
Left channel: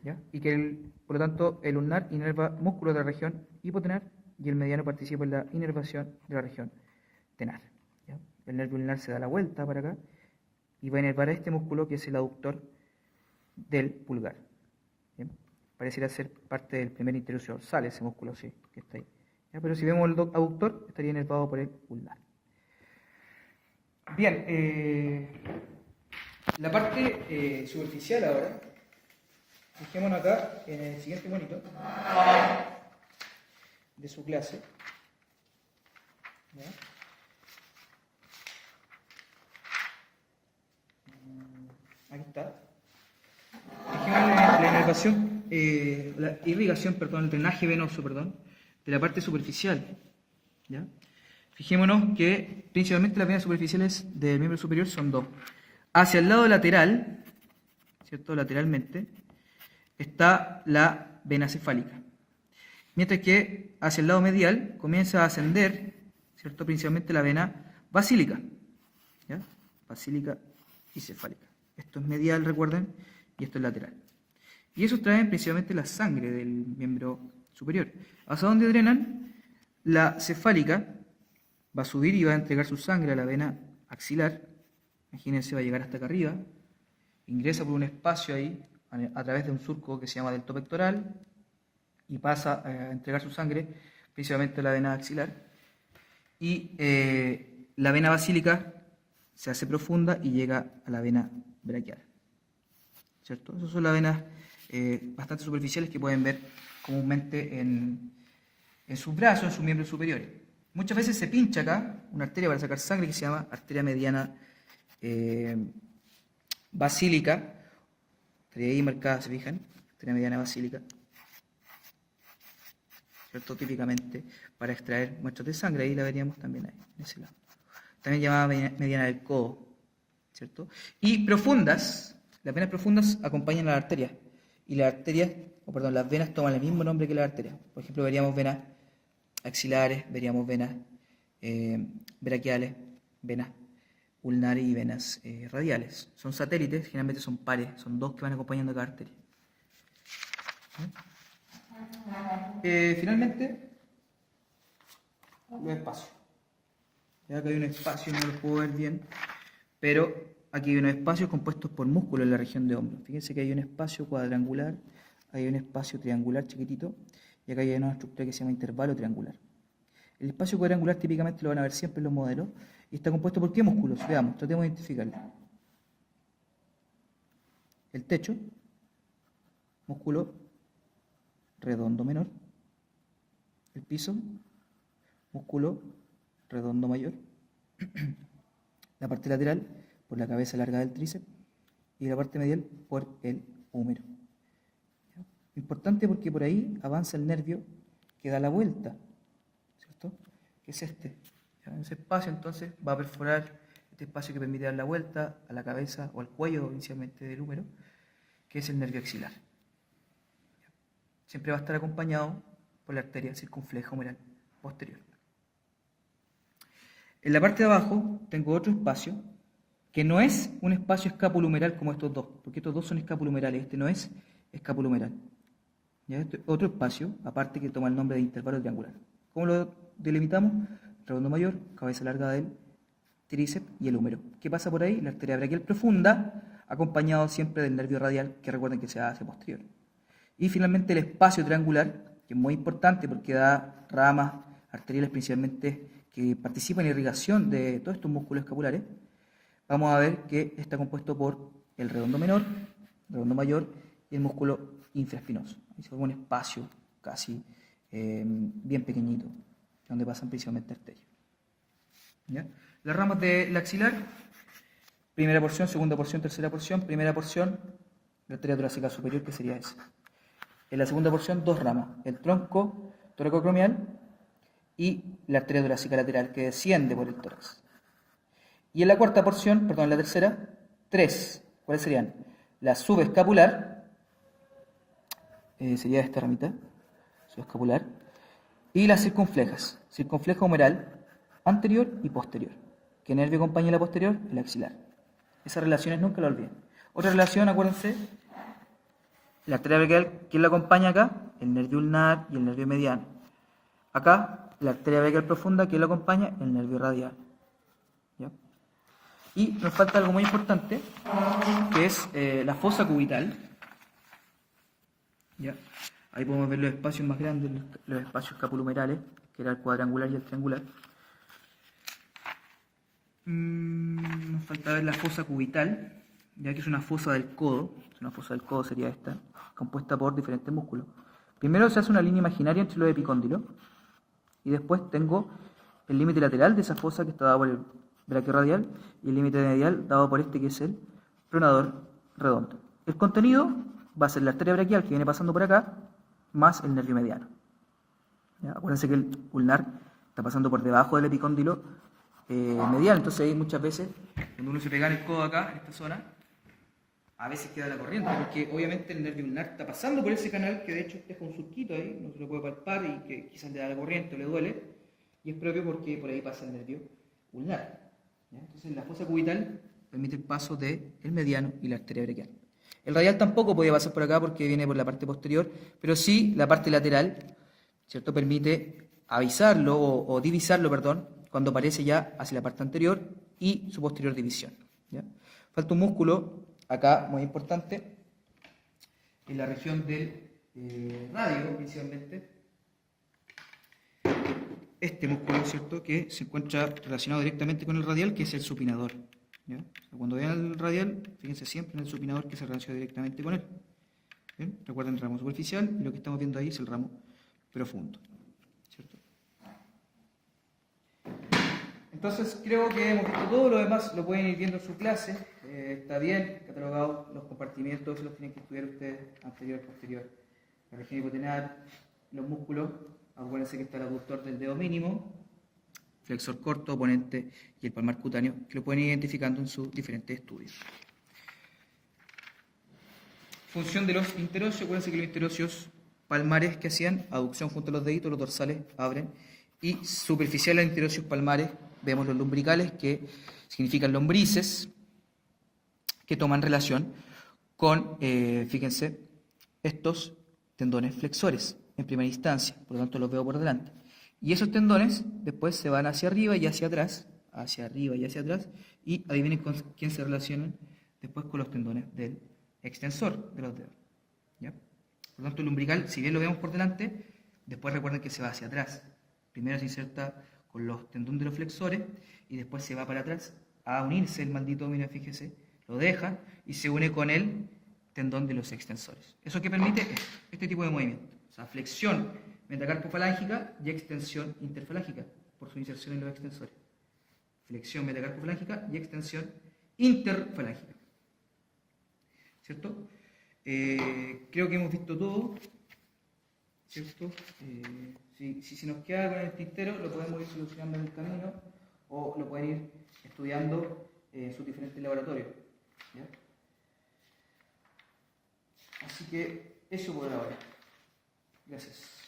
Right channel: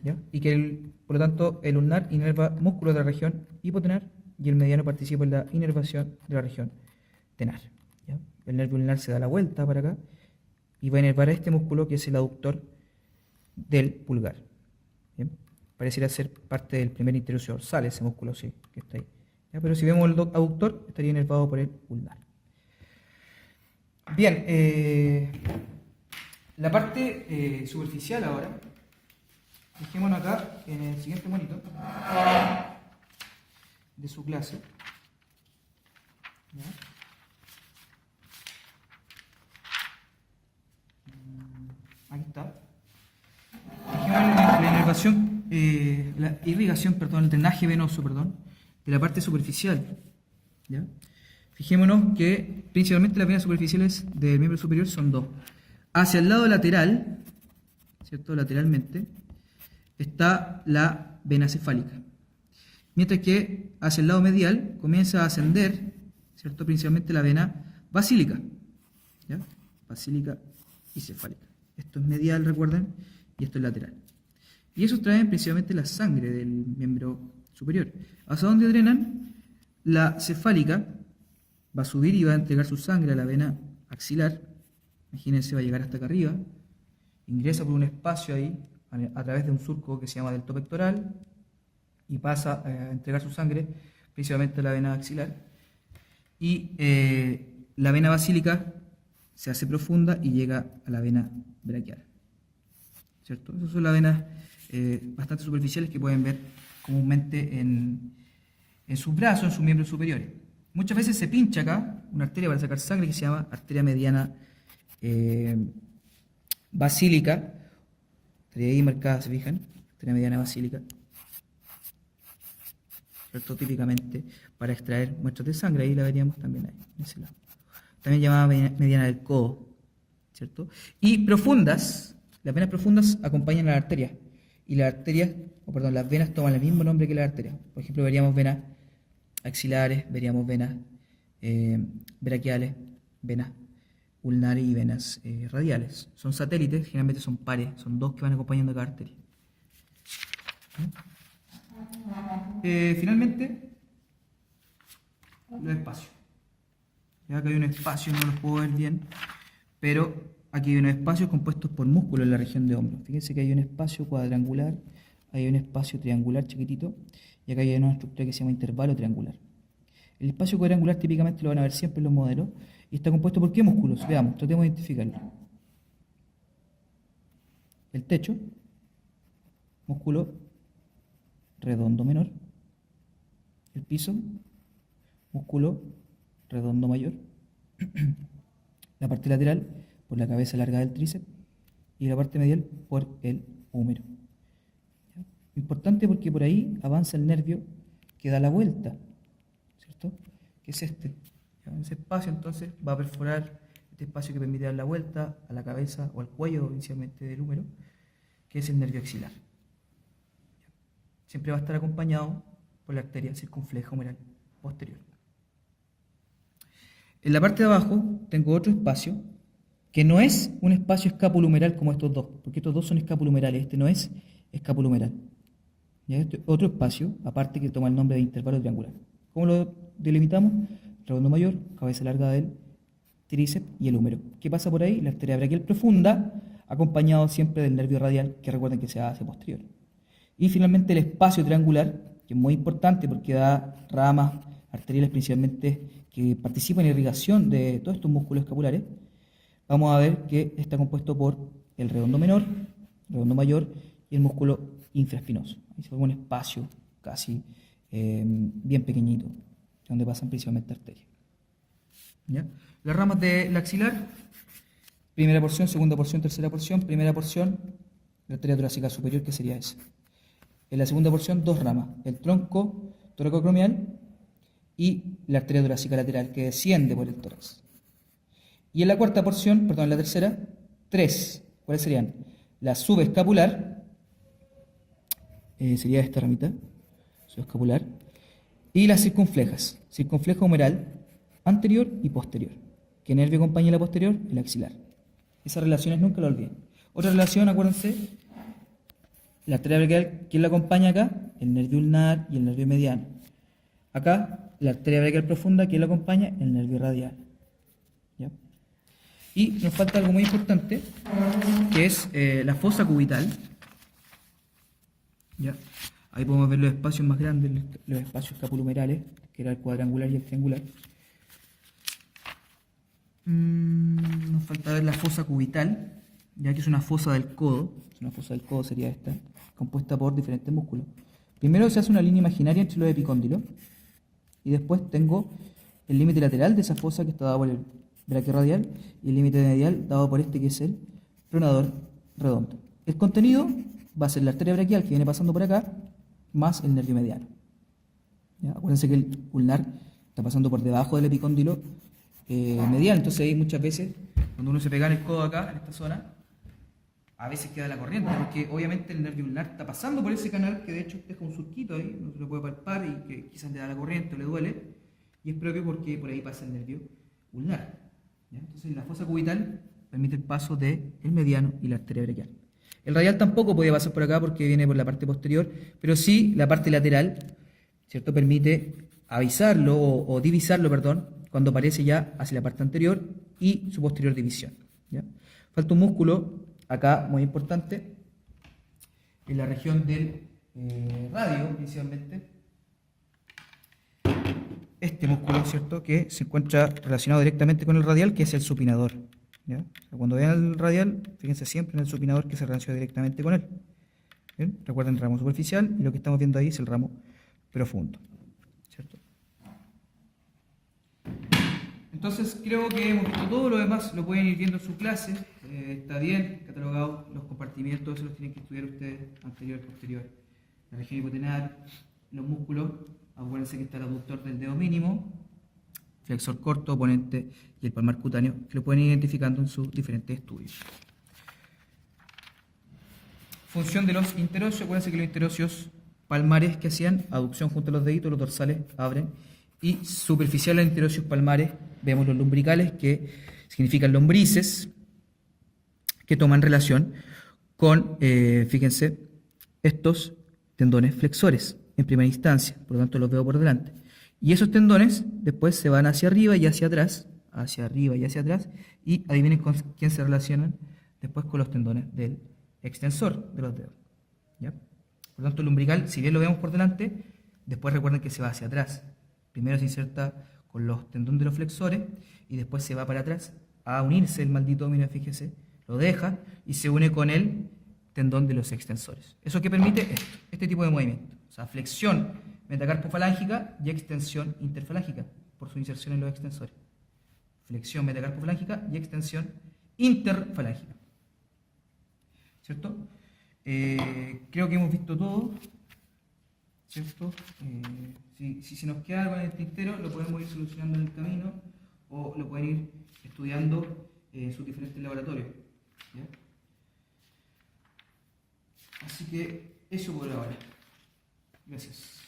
¿ya? Y que, por lo tanto, el ulnar inerva músculos de la región hipotenar y el mediano participa en la inervación de la región tenar, ¿ya? El nervio ulnar se da la vuelta para acá y va a inervar a este músculo que es el aductor del pulgar. ¿Bien? Pareciera ser parte del primer interóseo dorsal, ese músculo sí, que está ahí. ¿Ya? Pero si vemos el aductor, estaría inervado por el ulnar. Bien, la parte superficial ahora, fijémonos acá en el siguiente monito de su clase. ¿Ya? Aquí está. La inervación, la irrigación, perdón, el drenaje venoso, perdón, de la parte superficial. ¿Ya? Fijémonos que principalmente las venas superficiales del miembro superior son dos. Hacia el lado lateral, ¿cierto? Lateralmente, está la vena cefálica. Mientras que hacia el lado medial comienza a ascender, ¿cierto? Principalmente la vena basílica. ¿Ya? Basílica y cefálica. Esto es medial, recuerden, y esto es lateral. Y esos traen principalmente la sangre del miembro superior. ¿Hacia dónde drenan? La cefálica va a subir y va a entregar su sangre a la vena axilar. Imagínense, va a llegar hasta acá arriba. Ingresa por un espacio ahí, a través de un surco que se llama delto pectoral, y pasa a entregar su sangre principalmente a la vena axilar. Y la vena basílica se hace profunda y llega a la vena braquial. ¿Cierto? Esas son las venas bastante superficiales que pueden ver comúnmente en sus brazos, en sus miembros superiores. Muchas veces se pincha acá una arteria para sacar sangre que se llama arteria mediana basílica. Estaría ahí marcada, ¿se fijan? Arteria mediana basílica. ¿Cierto? Típicamente para extraer muestras de sangre. Ahí la veríamos también ahí, en ese lado. También llamada mediana del codo, ¿cierto? Y profundas, las venas profundas acompañan a la arteria. Y las arterias, las venas toman el mismo nombre que las arterias. Por ejemplo, veríamos venas axilares, veríamos venas braquiales, venas ulnares y venas radiales. Son satélites, generalmente son pares, son dos que van acompañando a cada arteria. Finalmente, los espacios. Ya acá hay un espacio, no lo puedo ver bien, pero aquí hay unos espacios compuestos por músculos en la región de hombro. Fíjense que hay un espacio cuadrangular, hay un espacio triangular chiquitito, y acá hay una estructura que se llama intervalo triangular. El espacio cuadrangular típicamente lo van a ver siempre en los modelos, y está compuesto por ¿qué músculos? Veamos, tratemos de identificarlo. El techo, músculo redondo menor. El piso, músculo redondo mayor. La parte lateral, por la cabeza larga del tríceps. Y la parte medial, por el húmero. Importante porque por ahí avanza el nervio que da la vuelta, ¿cierto? Que es este. ¿Ya? Ese espacio entonces va a perforar este espacio que permite dar la vuelta a la cabeza o al cuello inicialmente del húmero que es el nervio axilar. Siempre va a estar acompañado por la arteria circunfleja humeral posterior. En la parte de abajo tengo otro espacio que no es un espacio escapulohumeral como estos dos, porque estos dos son escapulohumerales, este no es escapulohumeral. ¿Ya? Este es otro espacio, aparte que toma el nombre de intervalo triangular. ¿Cómo lo delimitamos? Redondo mayor, cabeza larga del tríceps y el húmero. ¿Qué pasa por ahí? La arteria braquial profunda, acompañado siempre del nervio radial, que recuerden que se va hacia posterior. Y finalmente el espacio triangular, que es muy importante porque da ramas arteriales principalmente que participan en irrigación de todos estos músculos escapulares. Vamos a ver que está compuesto por el redondo menor, redondo mayor y el músculo infraespinoso. Ahí se forma un espacio casi bien pequeñito, donde pasan principalmente arterias. ¿Ya? Las ramas del axilar, primera porción, segunda porción, tercera porción. Primera porción, la arteria torácica superior, que sería esa. En la segunda porción, dos ramas, el tronco toracocromial y la arteria torácica lateral, que desciende por el tórax. Y en la cuarta porción, perdón, en la tercera, tres. ¿Cuáles serían? La subescapular, sería esta ramita, subescapular, y las circunflejas, circunfleja humeral anterior y posterior. ¿Qué nervio acompaña la posterior? El axilar. Esas relaciones nunca lo olviden. Otra relación, acuérdense, la arteria braquial, ¿quién la acompaña acá? El nervio ulnar y el nervio mediano. Acá, la arteria braquial profunda, ¿quién la acompaña? El nervio radial. ¿Ya? Y nos falta algo muy importante, que es la fosa cubital. ¿Ya? Ahí podemos ver los espacios más grandes, los espacios escapulohumerales, que era el cuadrangular y el triangular. Nos falta ver la fosa cubital, ya que es una fosa del codo. Una fosa del codo sería esta, compuesta por diferentes músculos. Primero se hace una línea imaginaria entre los epicóndilos, y después tengo el límite lateral de esa fosa que está dado por el braquiorradial y el límite medial dado por este que es el pronador redondo. El contenido va a ser la arteria braquial que viene pasando por acá, más el nervio mediano. ¿Ya? Acuérdense que el ulnar está pasando por debajo del epicóndilo medial, entonces ahí muchas veces, cuando uno se pega en el codo acá, en esta zona, a veces queda la corriente, porque obviamente el nervio ulnar está pasando por ese canal que de hecho deja un surquito ahí, no se lo puede palpar y que quizás le da la corriente o le duele, y es propio porque por ahí pasa el nervio ulnar. ¿Ya? Entonces la fosa cubital permite el paso del mediano y la arteria braquial. El radial tampoco puede pasar por acá porque viene por la parte posterior, pero sí la parte lateral, ¿cierto? Permite avisarlo o divisarlo, perdón, cuando aparece ya hacia la parte anterior y su posterior división. ¿Ya? Falta un músculo acá muy importante, en la región del radio principalmente, este músculo, ¿cierto?, que se encuentra relacionado directamente con el radial, que es el supinador. ¿Ya? Cuando vean el radial, fíjense siempre en el supinador que se relaciona directamente con él. ¿Bien? Recuerden el ramo superficial y lo que estamos viendo ahí es el ramo profundo. ¿Cierto? Entonces creo que hemos visto todo, lo demás lo pueden ir viendo en su clase. Está bien catalogado, los compartimientos los tienen que estudiar ustedes, anterior y posterior. La región hipotenar, los músculos, acuérdense que está el aductor del dedo mínimo, flexor corto, oponente y el palmar cutáneo, que lo pueden ir identificando en sus diferentes estudios. Función de los interóseos, acuérdense que los interóseos palmares que hacían aducción junto a los deditos, los dorsales abren, y superficiales interóseos palmares, vemos los lumbricales que significan lombrices, que toman relación con, fíjense, estos tendones flexores en primera instancia, por lo tanto los veo por delante. Y esos tendones después se van hacia arriba y hacia atrás, y adivinen con quién se relacionan después con los tendones del extensor de los dedos. ¿Ya? Por lo tanto, el lumbrical, si bien lo vemos por delante, después recuerden que se va hacia atrás. Primero se inserta con los tendones de los flexores y después se va para atrás a unirse el maldito, mira, fíjese, lo deja y se une con el tendón de los extensores. ¿Eso qué permite? Este tipo de movimiento. O sea, flexión metacarpofalángica y extensión interfalángica por su inserción en los extensores. Flexión metacarpofalángica y extensión interfalángica. ¿Cierto? Creo que hemos visto todo. ¿Cierto? Si se nos queda algo en el tintero, lo podemos ir solucionando en el camino o lo pueden ir estudiando en sus diferentes laboratorios. ¿Ya? Así que eso por ahora. Gracias.